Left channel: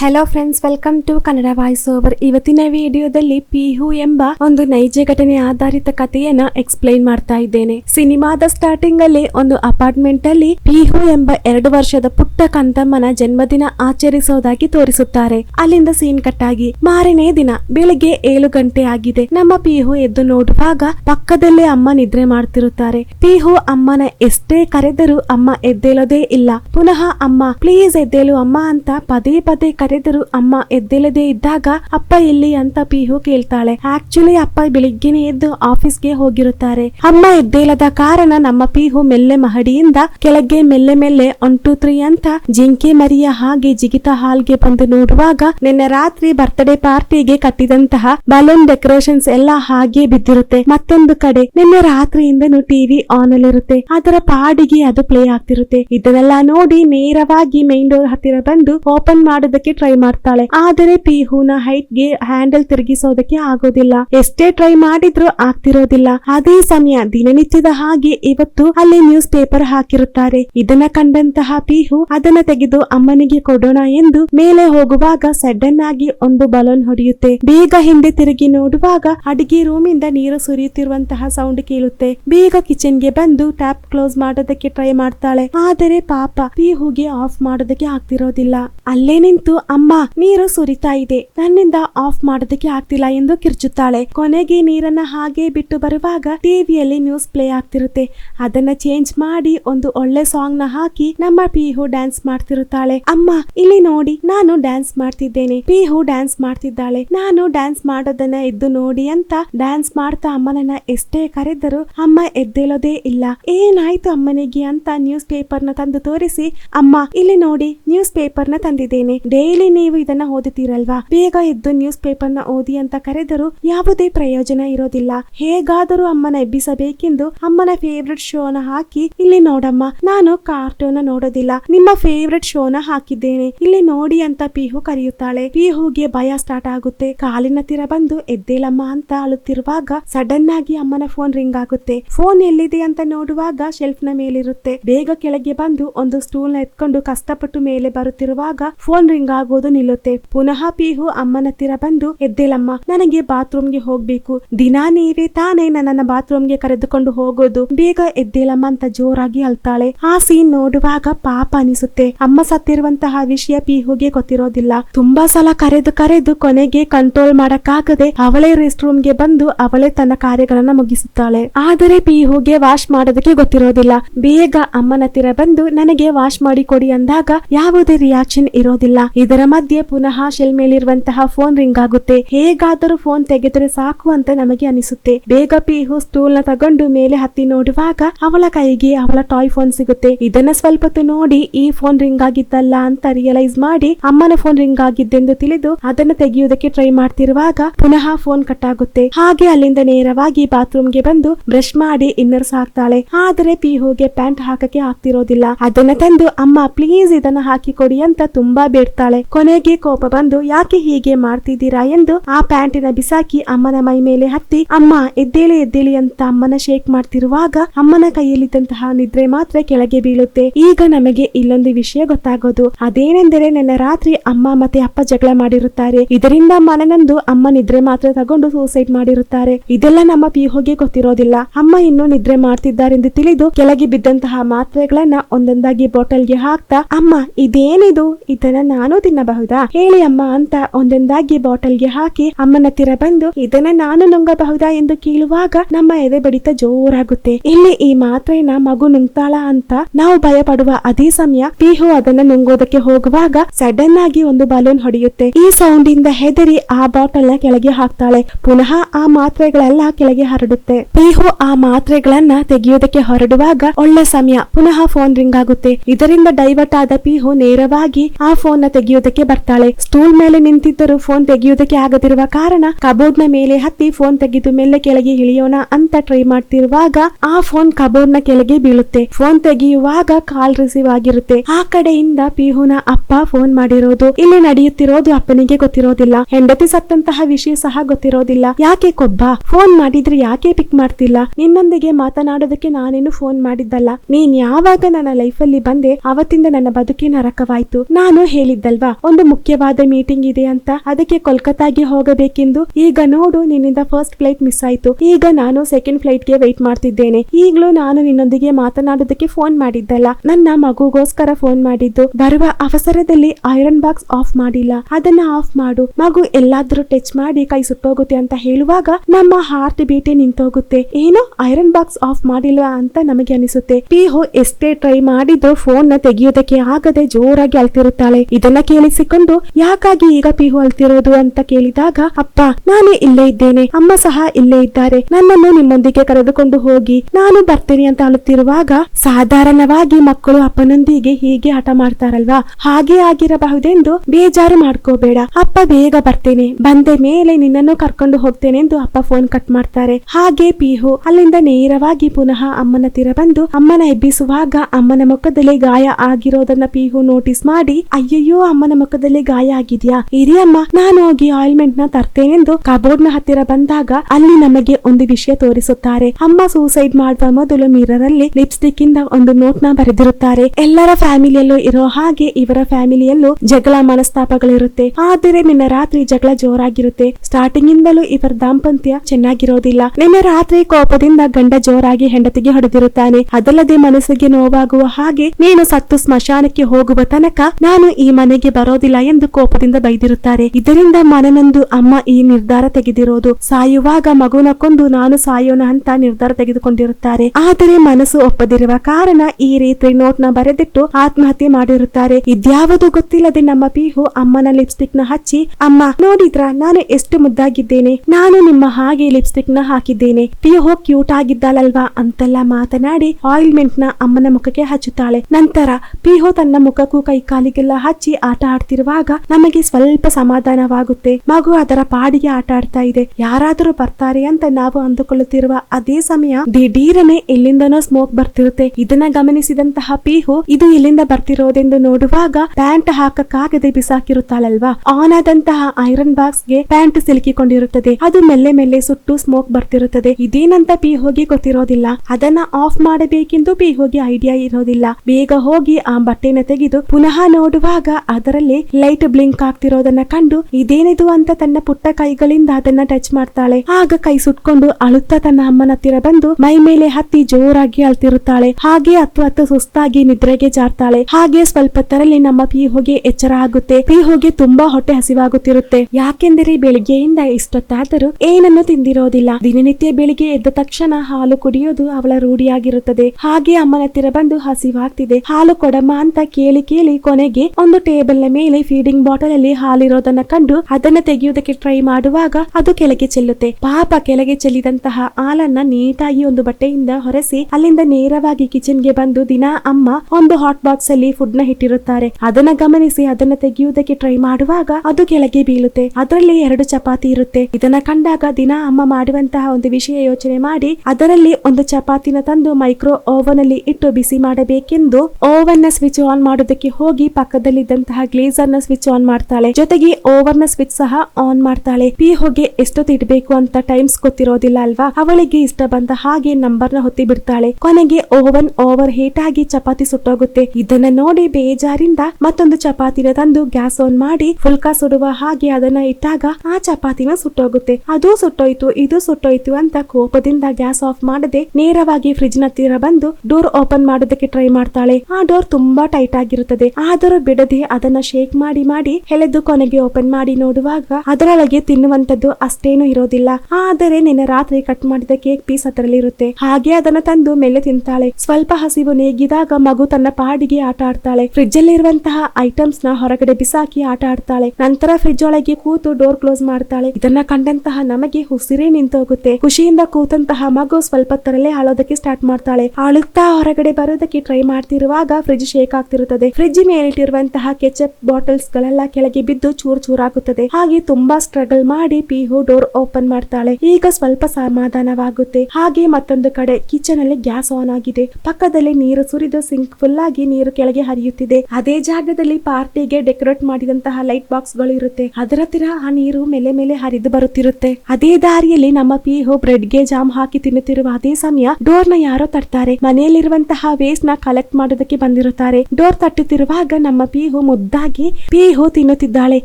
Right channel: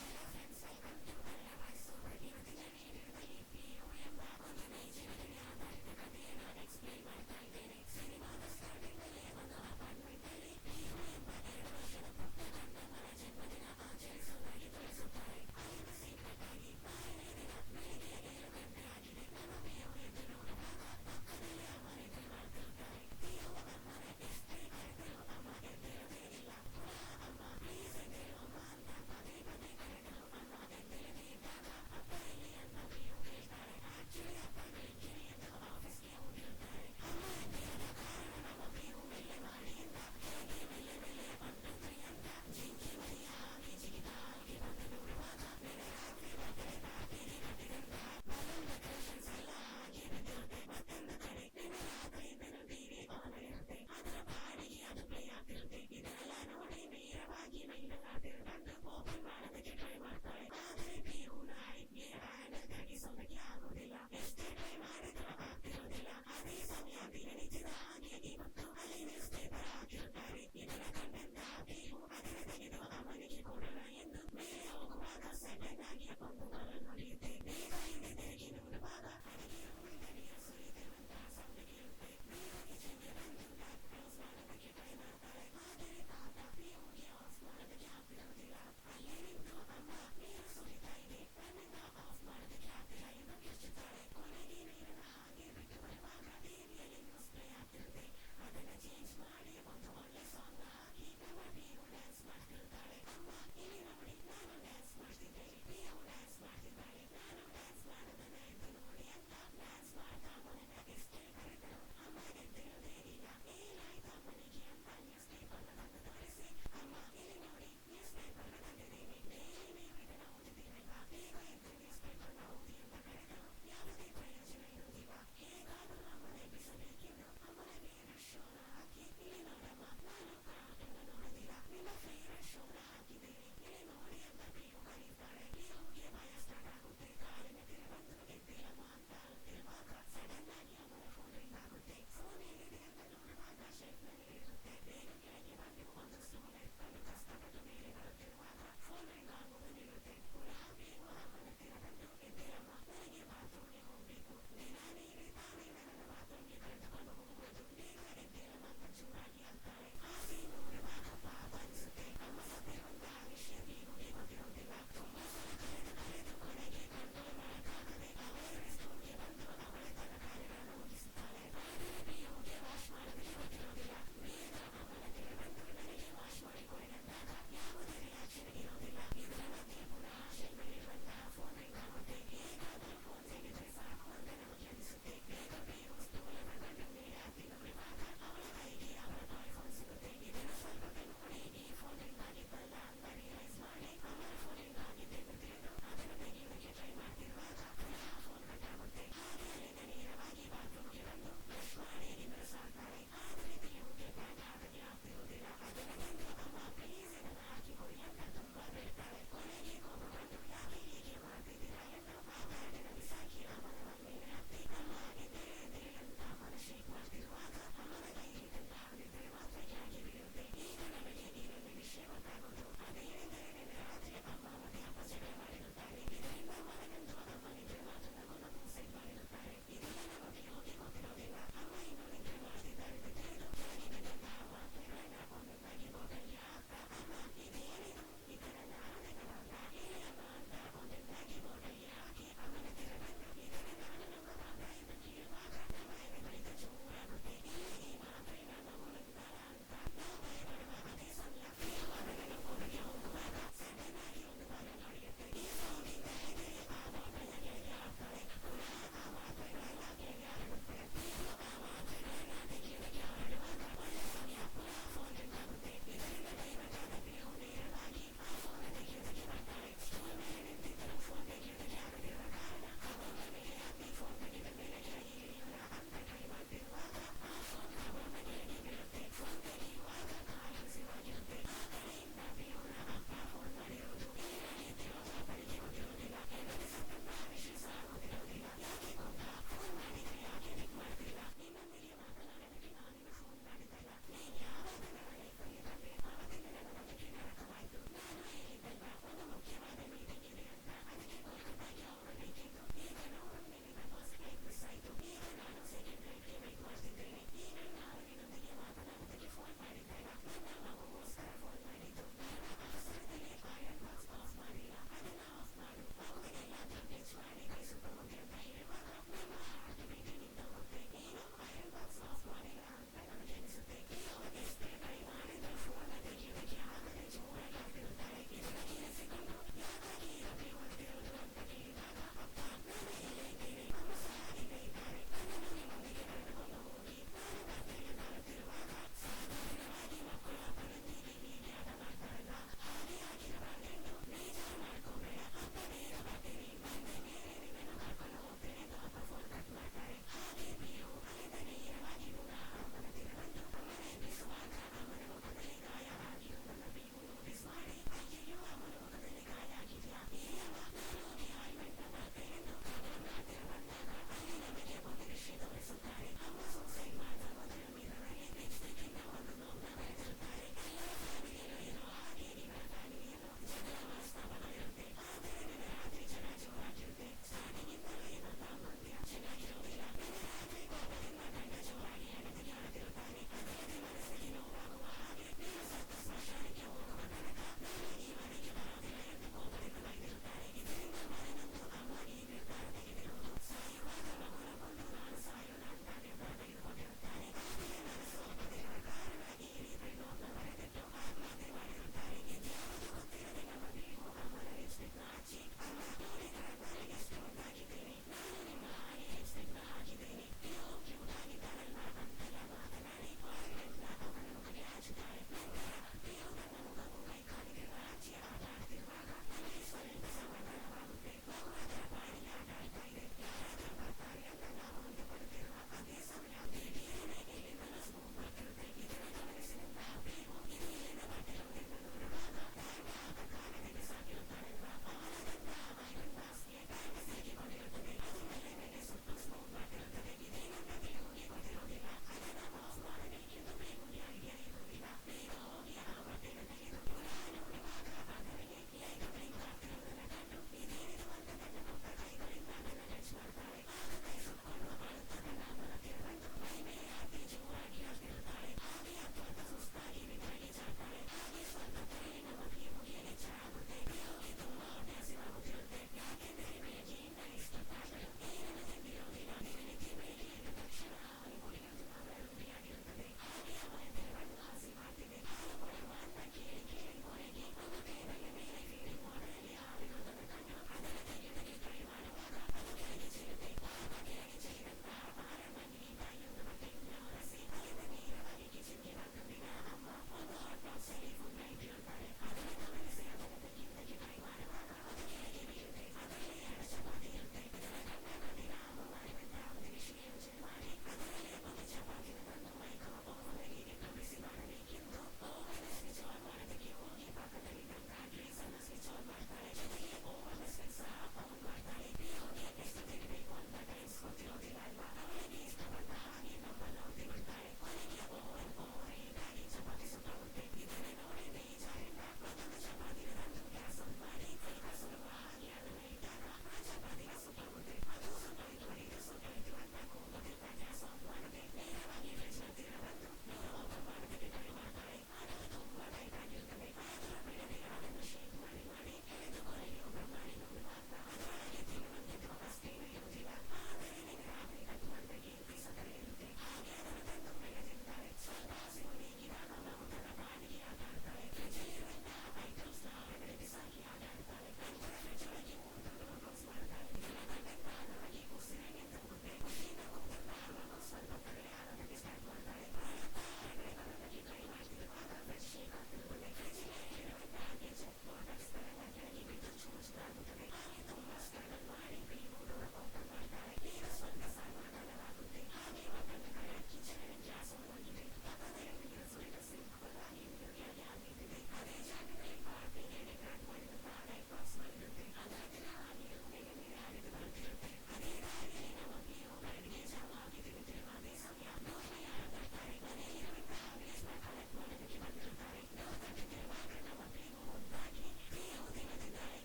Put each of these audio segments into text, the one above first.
Hello friends welcome to Kannada voice over ಇವತ್ತಿನ ವಿಡಿಯೋದಲ್ಲಿ ಪಿಹು ಎಂಬ ಒಂದು ನೈಜ ಘಟನೆ ಆಧಾರಿತ ಕಥೆಯನ್ನ ಎಕ್ಸ್ಪ್ಲೈನ್ ಮಾಡ್ತಾ ಇದ್ದೇನೆ. ಸಿನಿಮಾದ ಸ್ಟಾರ್ಟಿಂಗ್ ಅಲ್ಲಿ ಒಂದು ಅಪಾರ್ಟ್ಮೆಂಟ್ ಅಲ್ಲಿ ಪಿಹು ಎಂಬ ಎರಡು ವರ್ಷದ ಪುಟ್ಟ ಕಂತಮ್ಮನ ಜನ್ಮದಿನ ಆಚರಿಸೋದಾಗಿ ತೋರಿಸುತ್ತಾರೆ. ಅಲ್ಲಿಂದ ಸೀನ್ ಕಟ್ ಆಗಿ ಮಾರನೇ ದಿನ ಬೆಳಿಗ್ಗೆ ಏಳು ಗಂಟೆ ಆಗಿದೆ. ನಮ್ಮ ಪಿಹು ಎದ್ದು ನೋಡುವಾಗ ಪಕ್ಕದಲ್ಲೇ ಅಮ್ಮ ನಿದ್ರೆ ಮಾಡ್ತಿರುತ್ತಾರೆ. ಪಿಹು ಅಮ್ಮನ ಎಷ್ಟೇ ಕರೆದರೂ ಅಮ್ಮ ಎದ್ದೇಳೋದೇ ಇಲ್ಲ. ಪುನಃ ಅಮ್ಮ ಪ್ಲೀಸ್ ಎದ್ದೇಳು ಅಮ್ಮ ಅಂತ ಪದೇ ಪದೇ ಕರೆದರೂ ಅಮ್ಮ ಎದ್ದೇಳದೇ ಇದ್ದಾಗ ಅಪ್ಪ ಎಲ್ಲಿ ಅಂತ ಪಿಹು ಕೇಳ್ತಾಳೆ. ಆಕ್ಚುಲಿ ಅಪ್ಪ ಬೆಳಿಗ್ಗೆನೆ ಎದ್ದು ಆಫೀಸ್ಗೆ ಹೋಗಿರುತ್ತಾರೆ. ಅಮ್ಮ ಎದ್ದೇಳದ ಕಾರಣ ನಮ್ಮ ಪಿಹು ಮೆಲ್ಲೆ ಮಹಡಿಯಿಂದ ಕೆಳಗೆ ಮೆಲ್ಲೆ ಮೆಲ್ಲೆ ಒನ್, ಟೂ, ತ್ರೀ ಅಂತ ಜಿಂಕೆ ಮರಿಯ ಹಾಗೆ ಜಿಗಿತ ಹಾಲ್ಗೆ ಬಂದು ನೋಡುವಾಗ ನಿನ್ನೆ ರಾತ್ರಿ ಬರ್ತ್ಡೇ ಪಾರ್ಟಿಗೆ ಕಟ್ಟಿದಂತಹ ಬಲೂನ್ ಡೆಕೋರೇಷನ್ಸ್ ಎಲ್ಲಾ ಹಾಗೆ ಬಿದ್ದಿರುತ್ತೆ. ಮತ್ತೊಂದು ಕಡೆ ನಿನ್ನೆ ರಾತ್ರಿಯಿಂದನೂ ಟಿವಿ ಆನ್ ಅಲ್ಲಿರುತ್ತೆ. ಅದರ ಪಾಡಿಗೆ ಅದು ಪ್ಲೇ ಆಗ್ತಿರುತ್ತೆ. ಇದನ್ನೆಲ್ಲ ನೋಡಿ ನೇರವಾಗಿ ಮೈನ್ ಡೋರ್ ಹತ್ತಿರ ಬಂದು ಓಪನ್ ಮಾಡೋದಕ್ಕೆ ಟ್ರೈ ಮಾಡ್ತಾಳೆ. ಆದರೆ ಪಿಹುನ ಹೈಟ್ಗೆ ಹ್ಯಾಂಡಲ್ ತಿರುಗಿಸೋದಕ್ಕೆ ಆಗೋದಿಲ್ಲ. ಎಷ್ಟೇ ಟ್ರೈ ಮಾಡಿದ್ರು ಆಗ್ತಿರೋದಿಲ್ಲ. ಅದೇ ಸಮಯ ದಿನನಿತ್ಯದ ಹಾಗೆ ಇವತ್ತು ಅಲ್ಲಿ ನ್ಯೂಸ್ ಪೇಪರ್ ಹಾಕಿರುತ್ತಾರೆ. ಇದನ್ನ ಕಂಡಂತಹ ಪಿಹು ಅದನ್ನ ತೆಗೆದು ಅಮ್ಮನಿಗೆ ಕೊಡೋಣ ಎಂದು ಮೇಲೆ ಹೋಗುವಾಗ ಸಡನ್ ಆಗಿ ಒಂದು ಬಲೂನ್ ಹೊಡೆಯುತ್ತೆ. ಬೇಗ ಹಿಂದೆ ತಿರುಗಿ ನೋಡುವಾಗ ಅಡಿಗೆ ರೂಮ್ ಇಂದ ನೀರು ಸುರಿಯುತ್ತಿರುವಂತಹ ಸೌಂಡ್ ಕೇಳುತ್ತೆ. ಬೇಗ ಕಿಚನ್ಗೆ ಬಂದು ಟ್ಯಾಪ್ ಕ್ಲೋಸ್ ಮಾಡೋದಕ್ಕೆ ಟ್ರೈ ಮಾಡ್ತಾಳೆ. ಆದರೆ ಪಾಪ ಪಿಹುಗೆ ಆಫ್ ಮಾಡೋದಕ್ಕೆ ಆಗ್ತಿರೋದಿಲ್ಲ. ಅಲ್ಲೇ ನಿಂತು ಅಮ್ಮ, ನೀರು ಸುರಿತಾ ಇದೆ. ನನ್ನಿಂದ ಆಫ್ ಮಾಡೋದಕ್ಕೆ ಆಗ್ತಿಲ್ಲ ಎಂದು ಕಿರ್ಚುತ್ತಾಳೆ. ಕೊನೆಗೆ ನೀರನ್ನ ಹಾಗೆ ಬಿಟ್ಟು ಬರುವಾಗ ಟಿವಿಯಲ್ಲಿ ನ್ಯೂಸ್ ಪ್ಲೇ ಆಗ್ತಿರುತ್ತೆ. ಅದನ್ನ ಚೇಂಜ್ ಮಾಡಿ ಒಂದು ಒಳ್ಳೆ ಸಾಂಗ್ನ ಹಾಕಿ ನಮ್ಮ ಪಿಹು ಡ್ಯಾನ್ಸ್ ಮಾಡ್ತಿರುತ್ತಾಳೆ. ಅಮ್ಮ, ಇಲ್ಲಿ ನೋಡಿ, ನಾನು ಡ್ಯಾನ್ಸ್ ಮಾಡ್ತಿದ್ದೇನೆ. ಪಿಹು ಡ್ಯಾನ್ಸ್ ಮಾಡ್ತಿದ್ದಾಳೆ. ನಾನು ಡ್ಯಾನ್ಸ್ ಮಾಡೋದನ್ನ ಎದ್ದು ನೋಡಿ ಅಂತ ಡ್ಯಾನ್ಸ್ ಮಾಡ್ತಾ ಅಮ್ಮನನ್ನ ಎಷ್ಟೇ ಕರೆದರೂ ಅಮ್ಮ ಎದ್ದೇಳೋದೇ ಇಲ್ಲ. ಏನಾಯ್ತು ಅಮ್ಮನಿಗೆ ಅಂತ ನ್ಯೂಸ್ ಪೇಪರ್ನ ತಂದು ತೋರಿಸಿ, ಅಮ್ಮ, ಇಲ್ಲಿ ನೋಡಿ, ನ್ಯೂಸ್ ಪೇಪರ್ನ ತಂದಿದ್ದೇನೆ. ಡೈಲಿ ನೀವು ಇದನ್ನ ಓದುತ್ತೀರಲ್ವಾ? ಬೇಗ ಎದ್ದು ನ್ಯೂಸ್ ಪೇಪರ್ನ ಓದಿ ಅಂತ ಕರೆದರೂ ಯಾವುದೇ ಪ್ರಯೋಜನ ಇರೋದಿಲ್ಲ. ಹೇಗಾದರೂ ಅಮ್ಮನ ಎಬ್ಬಿಸಬೇಕೆಂದು ಅಮ್ಮನ ಫೇವ್ರೆಟ್ ಶೋನ ಹಾಕಿ, ಇಲ್ಲಿ ನೋಡಮ್ಮ, ನಾನು ಕಾರ್ಟೂನ್ ನೋಡೋದಿಲ್ಲ. ನಿಮ್ಮ ಫೇವ್ರೆಟ್ ಶೋನ ಹಾಕಿದ್ದೇನೆ. ಇಲ್ಲಿ ನೋಡಿ ಅಂತ ಪಿಹು ಕರೆಯುತ್ತಾಳೆ. ಪಿಹುಗೆ ಭಯ ಸ್ಟಾರ್ಟ್ ಆಗುತ್ತೆ. ಕಾಲಿನ ಹತ್ತಿರ ಬಂದು, ಎದ್ದೇಳಮ್ಮ ಅಂತ ಅಳುತ್ತಿರುವಾಗ ಸಡನ್ ಆಗಿ ಅಮ್ಮನ ಫೋನ್ ರಿಂಗ್ ಆಗುತ್ತೆ. ಫೋನ್ ಎಲ್ಲಿದೆ ಅಂತ ನೋಡುವಾಗ ಶೆಲ್ಫ್ನ ಮೇಲಿರುತ್ತೆ. ಬೇಗ ಕೆಳಗೆ ಬಂದು ಒಂದು ಸ್ಟೂಲ್ನ ಎತ್ಕೊಂಡು ಕಷ್ಟಪಟ್ಟು ಮೇಲೆ ಬರುತ್ತಿರುವಾಗ ಫೋನ್ ರಿಂಗ್ ಆಗೋದು ನಿಲ್ಲುತ್ತೆ. ಪುನಃ ಪಿಹು ಅಮ್ಮನ ಹತ್ತಿರ ಬಂದು, ಎದ್ದೇಲಮ್ಮ, ನನಗೆ ಬಾತ್ರೂಮ್ಗೆ ಹೋಗ್ಬೇಕು. ದಿನಾ ನೀವೇ ತಾನೇ ನನ್ನನ್ನ ಬಾತ್ರೂಮ್ಗೆ ಕರೆದುಕೊಂಡು ಹೋಗೋದು. ಬೇಗ ಎದ್ದೇಲಮ್ಮ ಅಂತ ಜೋರಾಗಿ ಅಳ್ತಾಳೆ. ಆ ಸೀನ್ ನೋಡುವಾಗ ಪಾಪ ಅನಿಸುತ್ತೆ. ಅಮ್ಮ ಸತ್ತಿರುವಂತಹ ವಿಷಯ ಪಿಹುಗೆ ಗೊತ್ತಿರೋದಿಲ್ಲ. ತುಂಬಾ ಸಲ ಕರೆದು ಕರೆದು ಕೊನೆಗೆ ಕಂಟ್ರೋಲ್ ಮಾಡಕ್ಕಾಗದೆ ಅವಳೇ ರೆಸ್ಟ್ ರೂಮ್ಗೆ ಬಂದು ಅವಳೇ ತನ್ನ ಕಾರ್ಯಗಳನ್ನ ಮುಗಿಸುತ್ತಾಳೆ. ಆದರೆ ಪೀಹುಗೆ ವಾಶ್ ಮಾಡೋದಕ್ಕೆ ಗೊತ್ತಿರೋದಿಲ್ಲ. ಬೇಗ ಅಮ್ಮನ ಹತ್ತಿರ ಬಂದು, ನನಗೆ ವಾಶ್ ಮಾಡಿ ಕೊಡಿ ಅಂದಾಗ ಯಾವುದೇ ರಿಯಾಕ್ಷನ್ ಇರೋದಿಲ್ಲ. ಇದರ ಮಧ್ಯೆ ಪುನಃ ಶೆಲ್ ಮೇಲಿರುವಂತಹ ಫೋನ್ ರಿಂಗ್ ಆಗುತ್ತೆ. ಹೇಗಾದರೂ ಫೋನ್ ತೆಗೆದರೆ ಸಾಕು ಅಂತ ನಮಗೆ ಅನಿಸುತ್ತೆ. ಬೇಗ ಪಿಹು ಸ್ಟೂಲ್ನ ತಗೊಂಡು ಮೇಲೆ ಹತ್ತಿ ನೋಡುವಾಗ ಅವಳ ಕೈಗೆ ಅವಳ ಟಾಯ್ ಫೋನ್ ಸಿಗುತ್ತೆ. ಇದನ್ನ ಸ್ವಲ್ಪ ಹೊತ್ತು ನೋಡಿ ಈ ಫೋನ್ ರಿಂಗ್ ಆಗಿದ್ದಲ್ಲ ಅಂತ ರಿಯಲೈಸ್ ಮಾಡಿ ಅಮ್ಮನ ಫೋನ್ ರಿಂಗ್ ಆಗಿದ್ದೆಂದು ತಿಳಿದು ಅದನ್ನ ತೆಗೆಯುವುದಕ್ಕೆ ಟ್ರೈ ಮಾಡ್ತಿರುವಾಗ ಪುನಃ ಫೋನ್ ಕಟ್ ಆಗುತ್ತೆ. ಹಾಗೆ ಅಲ್ಲಿಂದ ನೇರವಾಗಿ ಬಾತ್ರೂಮ್ಗೆ ಬಂದು ಬ್ರಷ್ ಮಾಡಿ ಇನ್ನರ್ಸ್ ಹಾಕ್ತಾಳೆ ಆದರೆ ಪಿಹುಗೆ ಪ್ಯಾಂಟ್ ಹಾಕಕ್ಕೆ ಆಗ್ತಿರೋದಿಲ್ಲ. ಅದನ್ನ ತಂದು, ಅಮ್ಮ, ಪ್ಲೀಸ್ ಇದನ್ನ ಹಾಕಿ ಕೊಡಿ ಅಂತ ತುಂಬಾ ಬೇಡ್ತಾಳೆ. ಕೊನೆಗೆ ಕೋಪ ಬಂದು, ಯಾಕೆ ಹೀಗೆ ಮಾಡ್ತಿದ್ದೀರಾ? ಎಂದು ಆ ಪ್ಯಾಂಟಿನ ಬಿಸಾಕಿ ಅಮ್ಮನ ಮೈ ಮೇಲೆ ಹತ್ತಿ, ಅಮ್ಮ, ಎದ್ದೇಳಿ ಎದ್ದೇಳಿ ಅಂತ ಅಮ್ಮನ ಶೇಕ್ ಮಾಡ್ತಿರುವಾಗ ಅಮ್ಮನ ಕೈಯಲ್ಲಿದ್ದಂತಹ ನಿದ್ರೆ ಮಾತ್ರ ಕೆಳಗೆ ಬೀಳುತ್ತೆ. ಈಗ ನಮಗೆ ಇಲ್ಲೊಂದು ವಿಷಯ ಗೊತ್ತಾಗೋದು. ಅದೇನೆಂದರೆ ನನ್ನ ರಾತ್ರಿ ಅಮ್ಮ ಮತ್ತೆ ಅಪ್ಪ ಜಗಳ ಮಾಡಿರುತ್ತಾರೆ. ಇದರಿಂದ ಮನನಂದು ಅಮ್ಮ ನಿದ್ರೆ ಮಾತ್ರ ತಗೊಂಡು ಸೂಸೈಡ್ ಮಾಡಿರುತ್ತಾರೆ. ಇದೆಲ್ಲ ನಮ್ಮ ಪಿಹೋಗೆ ಗೊತ್ತಿರೋದಿಲ್ಲ. ಅಮ್ಮ ಇನ್ನೂ ನಿದ್ರೆ ಮಾಡ್ತಿದ್ದಾರೆಂದು ತಿಳಿದು ಕೆಳಗೆ ಬಿದ್ದಂತಹ ಮಾತ್ರೆಗಳನ್ನ ಒಂದೊಂದಾಗಿ ಬಾಟಲ್ಗೆ ಹಾಕ್ತಾ, ಅಮ್ಮ, ಇದೇನಿದು? ಇದನ್ನ ನಾನು ತಿನ್ನಬಹುದಾ? ಹೇಳಿ ಅಮ್ಮ ಅಂತ ಒಂದೊಂದಾಗಿ ಬಾಟಲ್ಗೆ ಹಾಕಿ ಅಮ್ಮನ ಹತ್ತಿರ ಬಂದು, ಇದನ್ನ ನಾನು ನುಂಗಬಹುದಾ ಎಂದು ಕೇಳುವಾಗ ನಮ್ಮ ಎದೆ ಬಡಿತ ಜೋರಾಗುತ್ತೆ. ಇಲ್ಲಿ ಈ ಮಾತ್ರೆನ ಮಗು ನುಂಗ್ತಾಳ ಅಂತ ನಾವು ಭಯ ಪಡುವ ಅದೇ ಸಮಯ ಪಿಹು ಅದನ್ನ ನುಂಗೋದಕ್ಕೆ ಹೋಗುವಾಗ ಸಡನ್ ಆಗಿ ಒಂದು ಬಲೂನ್ ಹೊಡೆಯುತ್ತೆ. ಈ ಸೌಂಡ್ ಇಂದ ಹೆದರಿ ಆ ಬಾಟಲ್ನ ಕೆಳಗೆ ಹಾಕ್ತಾಳೆ. ಪುನಃ ಆ ಮಾತ್ರೆಗಳೆಲ್ಲ ಕೆಳಗೆ ಹರಡುತ್ತೆ. ಪಿಹು ಆ ಮಾತ್ರೆಗಳನ್ನ ತೆಗೆಯೋದಕ್ಕೆ ಹೊರಡುವಾಗ ಒಳ್ಳೆ ಸಮಯ, ಪುನಃ ಫೋನ್ ರಿಂಗ್ ಆಗುತ್ತೆ. ಇದರಿಂದ ಡೈವರ್ಟ್ ಆದ ಪಿಹು ನೇರವಾಗಿ ಆ ಫೋನ್ನ ತೆಗೆಯುವುದಕ್ಕೆ ಬರ್ತಾಳೆ. ಸ್ಟೂಲ್ ಮೇಲೆ ನಿಂತಿದ್ದರೂ ಫೋನ್ ತೆಗೆಯೋದಕ್ಕೆ ಆಗದಿರುವ ಕಾರಣ ಕಬೋರ್ಡ್ನ ಮೇಲೆ ಹತ್ತಿ ಫೋನ್ ತೆಗೆದು ಮೇಲೆ ಕೆಳಗೆ ಇಳಿಯೋಣ ಅಂತ ಟ್ರೈ ಮಾಡ್ತಿರುವಾಗ ಆ ಫೋನ್ ಕಬೋರ್ಡ್ನ ಕೆಳಗೆ ಬೀಳುತ್ತೆ. ಫೋನ್ ತೆಗೆಯುವಾಗ ಕಾಲ್ ರಿಸೀವ್ ಆಗಿರುತ್ತೆ. ಆ ಕಡೆಯಿಂದ ಪಿಹುನ ಅಪ್ಪ ಫೋನ್ ಮಾಡಿರೋದು. ಇಲ್ಲಿ ನಡೆಯುತ್ತಿರೋದು ಅಪ್ಪನಿಗೆ ಗೊತ್ತಿರೋದಿಲ್ಲ. ಹೆಂಡತಿ ಸತ್ತಂತಹ ವಿಷಯ ಸಹ ಗೊತ್ತಿರೋದಿಲ್ಲ. ಯಾಕೆ ಕೊಬ್ಬ? ಫೋನ್ ಮಾಡಿದ್ರೆ ಯಾಕೆ ಪಿಕ್ ಮಾಡ್ತಿಲ್ಲ? ನಿನ್ನೊಂದಿಗೆ ಮಾತನಾಡೋದಕ್ಕೆ ನಾನೇನು ಫೋನ್ ಮಾಡಿದ್ದಲ್ಲ. ನೀನ್ ಯಾವಾಗ ನನ್ನ ಲೈಫಲ್ಲಿ ಬಂದೆ, ಅವತ್ತಿಂದ ನನ್ನ ಬದುಕಿನ ರಕವಾಯ್ತು. ನಾನು ಹೇಳಿದ್ದಲ್ವಾ? ಒಂದು ಮುಖ್ಯವಾದ ಮೀಟಿಂಗ್ ಇದೆ ಅಂತ. ಅದಕ್ಕೆ ಕೋಲ್ಕತ್ತಾಗೆ ಹೋಗಬೇಕೆಂದು ಈಗ ನೋಡು ನಿನ್ನಿಂದ ಫಸ್ಟ್ ಫ್ಲೈಟ್ ಮಿಸ್ ಆಯ್ತು. ಈಗ ನಾನು ಸೆಕೆಂಡ್ ಫ್ಲೈಟ್ಗೆ ವೆಯ್ಟ್ ಮಾಡ್ತಿದ್ದೇನೆ. ಈಗಲೂ ನಾನು ನಿನ್ನೊಂದಿಗೆ ಮಾತನಾಡೋದಕ್ಕೆ ಫೋನ್ ಮಾಡಿದ್ದಲ್ಲ. ನನ್ನ ಮಗುಗೋಸ್ಕರ ಫೋನ್ ಮಾಡಿದ್ದು. ಬರುವ ಅವಸರದಲ್ಲಿ ಐರನ್ ಬಾಕ್ಸ್ ಆಫ್ ಮಾಡಿಲ್ಲ. ಅದನ್ನ ಆಫ್ ಮಾಡು. ಮಗು ಎಲ್ಲಾದ್ರೂ ಟಚ್ ಮಾಡಿ ಕೈ ಸುಟ್ಟೋಗುತ್ತೆ ಅಂತ ಹೇಳುವಾಗ ನಮ್ಮ ಹಾರ್ಟ್ ಬೀಟೆ ನಿಂತೋಗುತ್ತೆ. ಏನು ಐರನ್ ಬಾಕ್ಸ್ ಆಫ್ ಮಾಡಿಲ್ಲ ಅಂತ ನಮಗೆ ಅನಿಸುತ್ತೆ. ಪಿಹೋ ಎಷ್ಟೇ ಟ್ರೈ ಮಾಡಿದ್ರು ಫೋನ್ನ ತೆಗೆಯೋದಕ್ಕೆ ಆಗದೆ ಜೋರಾಗಿ ಅಳ್ತಿರುತ್ತಾಳೆ. ಇದನ್ನ ಕೇಳಿಸಿಕೊಂಡು ಯಾಕಾಗಿ ಈಗ ಪಿಹು ಅಳ್ತಿರೋದು ಅಂತ ಕೇಳಿದಾಗ, ಅಪ್ಪ, ನಾನೇ ಇಲ್ಲೇ ಇದ್ದೇನೆ, ಅಮ್ಮ ಸಹ ಇಲ್ಲೇ ಇದ್ದಾರೆ, ನನ್ನನ್ನು ನಿಮ್ಮೊಂದಿಗೆ ಕರೆದುಕೊಂಡು ಹೋಗಿ, ನಾನು ಬರ್ತೇನೆ ಅಂತ ಅಳುತ್ತಿರುವಾಗ ಸಾಧಾರಣವಾಗಿ ಮಕ್ಕಳು ಅಪ್ಪನೊಂದಿಗೆ ಹೀಗೆ ಹಠ ಮಾಡ್ತಾರಲ್ವಾ? ಹಾಗೆ ಆಗಿರಬಹುದೆಂದು ಬೇಜಾರು ಮಾಡ್ಕೋಬೇಡ. ಅಪ್ಪ ಬೇಗ ಬರ್ತೇನೆ, ಬಂದ ಮೇಲೆ ನಿನ್ನನ್ನು ಕರ್ಕೊಂಡು ಹೋಗ್ತೇನೆ ಎಂದು ಅಪ್ಪ ಫೋನ್ ಕಟ್ ಮಾಡ್ತಾರೆ. ಹಾಗೆ ಪಿಹು ಅಲ್ಲಿಂದ ನೇರವಾಗಿ ಪುನಃ ಅಮ್ಮನ ತೀರ ಬಂದು, ಅಮ್ಮನ ಎಬ್ಬಿಸುವಾಗ ಅಮ್ಮನ ಮುಖದಲ್ಲಿ ಗಾಯ ಆಗಿರೋದನ್ನ ಪಿಹು ನೋಟಿಸ್ ಮಾಡಿ, ಅಯ್ಯಯ್ಯೋ, ಅಮ್ಮನ ಮುಖದಲ್ಲಿ ಗಾಯ ಆಗಿದ್ಯಾ? ಇರಿ ಅಮ್ಮ ನಾನು ಹೋಗಿ ಆಯಿಲ್ಮೆಂಟ್ನ ತರ್ತೇನೆಂದು ಕಬೋರ್ಡ್ನ ಹತ್ತಿರ ಬಂದಾಗ ಅಲ್ಲಿ ನಮಗೆ ಒಂದು ವಿಷಯ ತೋರಿಸುತ್ತಾರೆ. ಅಮ್ಮ ಸೂಸೈಡ್ ಮಾಡುವ ಮೊದಲು ಮಿರರ್ ಅಲ್ಲಿ ಲಿಪ್ಸ್ಟಿಕ್ ಇಂದ ಒಂದು ನೋಟ್ನ ಬರೆದಿರುತ್ತಾರೆ. ಎಲ್ಲರ ಫ್ಯಾಮಿಲಿಯಲ್ಲೂ ಇರೋ ಹಾಗೆ ಇವರ ಫ್ಯಾಮಿಲಿಯಲ್ಲೂ ಜಗಳ ಮನಸ್ತಾಪಗಳಿರುತ್ತೆ. ಆದರೆ ನಿನ್ನ ರಾತ್ರಿ ಜಗಳ ಜೋರಾಗಿರುತ್ತೆ. ಸ್ಟಾರ್ಟಿಂಗ್ ಇಂದಲೂ ಇವರ ದಾಂಪತ್ಯ ಚೆನ್ನಾಗಿರೋದಿಲ್ಲ. ನಿನ್ನೆ ರಾತ್ರಿ ಕೋಪದಿಂದ ಗಂಡ ಜೋರಾಗಿ ಹೆಂಡತಿಗೆ ಹೊಡೆದಿರುತ್ತಾನೆ. ಅದಲ್ಲದೆ ಮನಸ್ಸಿಗೆ ನೋವಾಗುವ ಹಾಗೆ ನೀನು ಸತ್ತು ಸ್ಮಶಾನಕ್ಕೆ ಹೋಗುವ ತನಕ ನಾನು ಈ ಮನೆಗೆ ಬರೋದಿಲ್ಲ ಎಂದು ಕೋಪದಿಂದ ಬೈದಿರುತ್ತಾರೆ. ಇದರಿಂದ ಮನನೊಂದು ಅಮ್ಮ ಈ ನಿರ್ಧಾರ ತೆಗೆದಿರೋದು. ಸಾಯುವಾಗ ಮಗುನ ಕೊಂದು ನಾನು ಸಾಯೋಣ ಅಂತ ನಿರ್ಧಾರ ತೆಗೆದುಕೊಂಡಿರುತ್ತಾರೆ. ಆದರೆ ಮನಸ್ಸು ಒಪ್ಪದಿರುವ ಕಾರಣ ಈ ರೀತಿ ನೋಟ್ನ ಬರೆದಿಟ್ಟು ಆತ್ಮಹತ್ಯೆ ಮಾಡಿರುತ್ತಾರೆ. ಇದ್ಯಾವುದು ಗೊತ್ತಿಲ್ಲದೆ ನಮ್ಮ ಪಿಹು ಅಮ್ಮನ ಲಿಪ್ಸ್ಟಿಕ್ನ ಹಚ್ಚಿ, ಅಮ್ಮ, ನೋಡಿದ್ರ? ನಾನು ಎಷ್ಟು ಮುದ್ದಾಗಿದ್ದೇನೆ. ನಾನು ನಿಮ್ಮ ಹಾಗೆ ಲಿಪ್ಸ್ಟಿಕ್ನ ಹಾಕಿದ್ದೇನೆ. ಪಿಹು ಕ್ಯೂಟ್ ಆಗಿದ್ದಾಳಲ್ವಾ? ಅಂತೆಲ್ಲ ಮಾತನಾಡಿ ಆಯಿಲ್ಮೆಂಟ್ನ ಅಮ್ಮನ ಮುಖಕ್ಕೆ ಹಚ್ಚುತ್ತಾಳೆ. ನಂತರ ಪಿಹು ತನ್ನ ಮುಖಕ್ಕೂ ಕೈ ಕಾಲಿಗೆಲ್ಲ ಹಚ್ಚಿ ಆಟ ಆಡ್ತಿರುವಾಗ ನಮಗೆ ಸ್ವಲ್ಪ ಸಮಾಧಾನವಾಗುತ್ತೆ. ಮಗು ಅದರ ಪಾಡಿಗೆ ಆಟ ಆಡ್ತಾ ಇದೆ. ಯಾರಾದರೂ ಬರ್ತಾರೆ ಅಂತ ನಾವು ಅಂದುಕೊಳ್ಳುತ್ತಿರುವ ಅದೇ ಸಮಯ ದಿಢೀರನೆ ಎಲ್ಲಿಂದನೋ ಸ್ಮೋಕ್ ಬರ್ತಿರುತ್ತೆ. ಇದನ್ನ ಗಮನಿಸಿದಂತಹ ಪಿಹು, ಇದು ಎಲ್ಲಿಂದ ಬರ್ತಿರೋದೆಂದು ನೋಡುವಾಗ ಪ್ಯಾಂಟ್ ಹಾಕಕ್ಕಾಗದೆ ಬಿಸಾಕಿರುತ್ತಾಳಲ್ವಾ? ಆನ್ ಆದಂತಹ ಐರನ್ ಬಾಕ್ಸ್ಗೆ ಪ್ಯಾಂಟ್ ಸಿಲುಕಿಕೊಂಡಿರುತ್ತದೆ. ಅದು ಮೆಲ್ಲೆ ಮೆಲ್ಲೆ ಸುಟ್ಟು ಸ್ಮೋಕ್ ಬರ್ತಿರುತ್ತದೆ. ಇದೇನಂತ ಪಿಹುಗೆ ಗೊತ್ತಿರೋದಿಲ್ಲ. ಅದನ್ನ ಆಫ್ ಮಾಡಬೇಕೆಂದು ಹೋಗಿ ಐಡಿಯಾ ಇರೋದಿಲ್ಲ. ಬೇಗ ಹೋಗಿ ಆ ಬಟ್ಟೆನ ತೆಗೆದು ಪುನಃ ನೋಡುವಾಗ ಅದರಲ್ಲಿ ಲೈಟ್ ಬ್ಲಿಂಕ್ ಆಗ್ತಿರೋದನ್ನ ಕಂಡು ಇದೇನಿದು ಅಂತ ತನ್ನ ಪುಟ್ಟ ಕೈಗಳಿಂದ ಅದನ್ನ ಟಚ್ ಮಾಡ್ತಾಳೆ. ಆಗ ಕೈ ಸುಟ್ಕೊಂಡು ಅಳುತ್ತಾ ತನ್ನ ಅಮ್ಮನ ಹತ್ತಿರ ಬಂದು ಮೈ ಮೇಲೆ ಹತ್ತಿ ಜೋರಾಗಿ ಅಳ್ತಿರುತ್ತಾಳೆ. ಹಾಗೆ ಹತ್ತು ಹತ್ತು ಸುಸ್ತಾಗಿ ನಿದ್ರೆಗೆ ಜಾರ್ತಾಳೆ. ಹಾಗೆ ಸ್ವಲ್ಪ ನಮ್ಮ ನಮ್ಮ ಹೋಗಿ ಎಚ್ಚರ ಆಗುತ್ತೆ. ಪಿ ಹೋಗಿ ತುಂಬಾ ಹೊಟ್ಟೆ ಹಸಿವಾಗುತ್ತಿರುತ್ತೆ. ಯಾಕೆಂದರೆ ಬೆಳಿಗ್ಗೆಯಿಂದ ಇಷ್ಟೊತ್ತಾದರೂ ಏನನ್ನು ತಿಂದಿರೋದಿಲ್ಲ. ದಿನನಿತ್ಯ ಬೆಳಿಗ್ಗೆ ಎದ್ದ ತಕ್ಷಣ ಹಾಲು ಕುಡಿಯೋದು ಅವಳ ರೂಢಿಯಾಗಿರುತ್ತದೆ. ಹಾಗೆ ಅಮ್ಮನ ಹತ್ತಿರ ಬಂದು ಹಸಿವಾಗ್ತಿದೆ. ಹಾಲು ಕೊಡಮ್ಮ ಅಂತ ಕೇಳಿ ಕೇಳಿ ಕೊನೆಗೆ ಒಂದು ಟೇಬಲ್ ನ ಮೇಲೆ ಫೀಡಿಂಗ್ ಬಾಟಲ್ ಅಲ್ಲಿ ಹಾಲಿರೋದನ್ನ ಕಂಡು ಅದನ್ನ ತೆಗೆಯುವುದಕ್ಕೆ ಟ್ರೈ ಮಾಡುವಾಗ ಅದು ಕೆಳಗೆ ಚೆಲ್ಲುತ್ತೆ. ಪಾಪ ಕೆಳಗೆ ಚೆಲ್ಲಿದಂತಹ ಹಾಲನ್ನ ನೀಟಾಗಿ ಒಂದು ಬಟ್ಟೆಯಿಂದ ಹೊರಸಿ ಅಲ್ಲಿಂದ ನೇರವಾಗಿ ಕಿಚನ್ಗೆ ಬಂದು ದಿನ ಅಮ್ಮ ಒಂದು ಹಾಟ್ ಬಾಕ್ಸ್ ಅಲ್ಲಿ ಫುಡ್ನ ಇಟ್ಟಿರುತ್ತಾರೆ. ಅದನ್ನ ಗಮನಿಸಿ ಅದನ್ನ ತೆಗೆಯುವುದಕ್ಕೆ ಟ್ರೈ ಮಾಡುವಾಗ ಅದು ಕೆಳಗೆ ಬೀಳುತ್ತೆ. ಅದರಲ್ಲಿ ಎರಡು ಚಪಾತಿ ಇರುತ್ತೆ. ಇದನ್ನ ಕಂಡಾಗ ದಿನ ಅಮ್ಮ ಮಾಡುವಂತಹ ಒಂದು ವಿಷಯ ಯೋಚನೆ ಮಾಡಿ ಅದರಲ್ಲಿ ಒಂದು ಚಪಾತಿನ ತಂದು ಮೈಕ್ರೋ ಓವನ್ ಅಲ್ಲಿ ಇಟ್ಟು ಬಿಸಿ ಮಾಡಬೇಕೆಂದು ಓವನ್ನ ಸ್ವಿಚ್ ಆನ್ ಮಾಡೋದಕ್ಕೆ ಹೋಗಿ ಪಕ್ಕದಲ್ಲಿದ್ದಂತಹ ಗ್ಲೇಸರ್ನ ಸ್ವಿಚ್ ಆನ್ ಮಾಡ್ತಾಳೆ. ಜೊತೆಗೆ ಓವರ್ನ ಸ್ವಿಚ್ ಸಹ ಆನ್ ಮಾಡ್ತಾಳೆ. ಪಿಹೋಗೆ ಎಷ್ಟೊತ್ತು ಇಡಬೇಕು ಅಂತ ಟೈಮ್ಸ್ ಗೊತ್ತಿರೋದಿಲ್ಲ ಅಲ್ವಾ? ಅವಳಿಗೆ ಇಷ್ಟ ಬಂದ ಹಾಗೆ ನಂಬರ್ನ ಹೊತ್ತಿ ಬಿಡ್ತಾಳೆ. ಕೊನೆಗೆ ಓವನ್ ಓವರ್ ಹೀಟ್ ಆಗಿ ಚಪಾತಿ ಸುಟ್ಟೋಗುತ್ತೆ. ಇದನ್ನ ನೋಡಿ ಬೇಜಾರಿಂದ ಮತ್ತೊಂದು ಚಪಾತಿನ ತಂದು ಗ್ಯಾಸ್ ಆನ್ ಮಾಡಿ ಫುಲ್ಕಾ ಸುಡುವ ಹಾಗೆ ಅದನ್ನ ಇಟ್ಟಾಗ ಆ ಚಪಾತಿನ ಸುಟ್ಟೋಗುತ್ತೆ. ಅದು ಸುಟ್ಟೋಯ್ತು, ಇದು ಸುಟ್ಟೋಯ್ತು ಅಂತ ಕೋಪದಿಂದ ಗ್ಯಾಸ್ ಆಫ್ ಮಾಡದೆ ನೇರವಾಗಿ ಫ್ರಿಡ್ಜ್ನ ತೀರ ಬಂದು ಡೋರ್ ಓಪನ್ ಮಾಡೋದಕ್ಕೆ ಟ್ರೈ ಮಾಡ್ತಾಳೆ. ಆ ಡೋರ್ ತುಂಬಾ ಟೈಟ್ ಆಗಿರುತ್ತದೆ. ಆದರೂ ಬಿಡದೆ ಅದನ್ನ ಶೇಕ್ ಮಾಡಿ ಮಾಡಿ ಎಳೆದು ಕೊನೆಗೆ ಓಪನ್ ಮಾಡಿ ನೋಡುವಾಗ ಅದರೊಳಗೆ ತಿನ್ನುವಂತದ್ದು ಅಷ್ಟೇನು ಇರೋದಿಲ್ಲ. ಆದರೆ ನಿನ್ನೆ ರಾತ್ರಿ ಕಟ್ ಮಾಡಿದ ಕೇಕ್ ಪೀಸ್ ಅದರಲ್ಲಿ ಇರುತ್ತೆ. ಹಾಗೆ ಅದನ್ನ ತಂದು ಮೇಲೆ ತಿಂತಾಳೆ. ಸ್ವಲ್ಪ ಹಸಿವು ನೇಗಿದಾಗ ಮಗು ತನ್ನ ಪಾಡಿಗೆ ಆಟ ಆಡ್ತಾಳೆ. ಫ್ರಿಡ್ಜ್ ಅಲ್ಲಿರುವಂತಹ ಐಟಮ್ಸ್ನ ಹೊರಗಡೆ ಬಿಸಾಕಿ ಆಟ ಆಡ್ತಾಳೆ. ನಂತರ ಫ್ರಿಡ್ಜ್ ಒಳಗೆ ಕೂತು ಡೋರ್ ಕ್ಲೋಸ್ ಮಾಡ್ತಾಳೆ. ಇದನ್ನ ಕಂಡಂತಹ ನಮಗೆ ಉಸಿರೇ ನಿಂತೋಗುತ್ತೆ. ಖುಷಿಯಿಂದ ಕೂತಂತಹ ಮಗು ಸ್ವಲ್ಪ ತರಲೆ ಆಳೋದಕ್ಕೆ ಸ್ಟಾರ್ಟ್ ಮಾಡ್ತಾಳೆ. ಆಳುತ್ತಾ ಹೊರಗಡೆ ಬರೋದಕ್ಕೆ ಟ್ರೈ ಮಾಡ್ತಿರುವಾಗ ಫ್ರಿಡ್ಜ್ ಶೇಕ್ ಆಗ್ತಿರುತ್ತದೆ. ಫ್ರಿಡ್ಜ್ ಮೇಲಿಟ್ಟಿರುವಂತಹ ಕೆಚಪ್ ಬಾಟಲ್ಸ್ ಗಳೆಲ್ಲ ಕೆಳಗೆ ಬಿದ್ದು ಚೂರ್ ಚೂರಾಗುತ್ತದೆ. ಹಾಗೆ ತುಂಬಾ ಸ್ಟ್ರಗಲ್ ಮಾಡಿ ಪಿಹು ಡೋರ್ ಓಪನ್ ಮಾಡ್ತಾಳೆ. ಈಗ ಸ್ವಲ್ಪ ಸಮಾಧಾನವಾಗುತ್ತೆ. ಹಾಗೆ ಮತ್ತೊಂದು ಕಡೆ ಕಿಚನ್ ಅಲ್ಲಿ ಗ್ಯಾಸ್ ಆನ್ ಆಗಿದೆ. ಪಕ್ಕದಲ್ಲಿ ನೀರು ಸುರಿದು ಸಿಂಕ್ ಫುಲ್ ಆಗಿ ನೀರು ಕೆಳಗೆ ಹರಿಯುತ್ತಿದೆ. ಅದೇ ಜಾಗದಲ್ಲಿ ಪಾರ್ಟಿಗೆ ಡೆಕೋರೇಟ್ ಮಾಡಿದಂತಹ ಲೈಟ್ ಬಾಕ್ಸ್ಗಳು ಇರುತ್ತೆ. ಅದರ ತೀರ ಆ ನೀರು ಮೇಲೆ ಮೇಲೆ ಹರಿದು ಬರುತ್ತಿರುತ್ತೆ. ಅದೇ ದಾರಿಯಲ್ಲಿ ನಮ್ಮ ಪಿಹು ಬ್ರೆಡ್ಗೆ ಜಾಮ್ ಹಾಕಿ ತಿನ್ನುತ್ತಿರುವ ಅದೇ ಸಮಯ ಡೋರ್ನ ಯಾರೋ ತಟ್ತಾರೆ ಮನೆಯಲ್ಲಿರುವಂತಹ ವೇಸ್ಟ್ನ ಕಲೆಕ್ಟ್ ಮಾಡೋದಕ್ಕೆ ಬಂದಿರುತ್ತಾರೆ. ಡೋರ್ ತಟ್ಟುತ್ತಿರುವಾಗ ನಮ್ಮ ಪಿಹು ಮುದ್ದಾಗಿ ಮುದ್ದಾಗಿ ಪೀಹು ತಿನ್ನುತ್ತಿದ್ದಾಳೆ.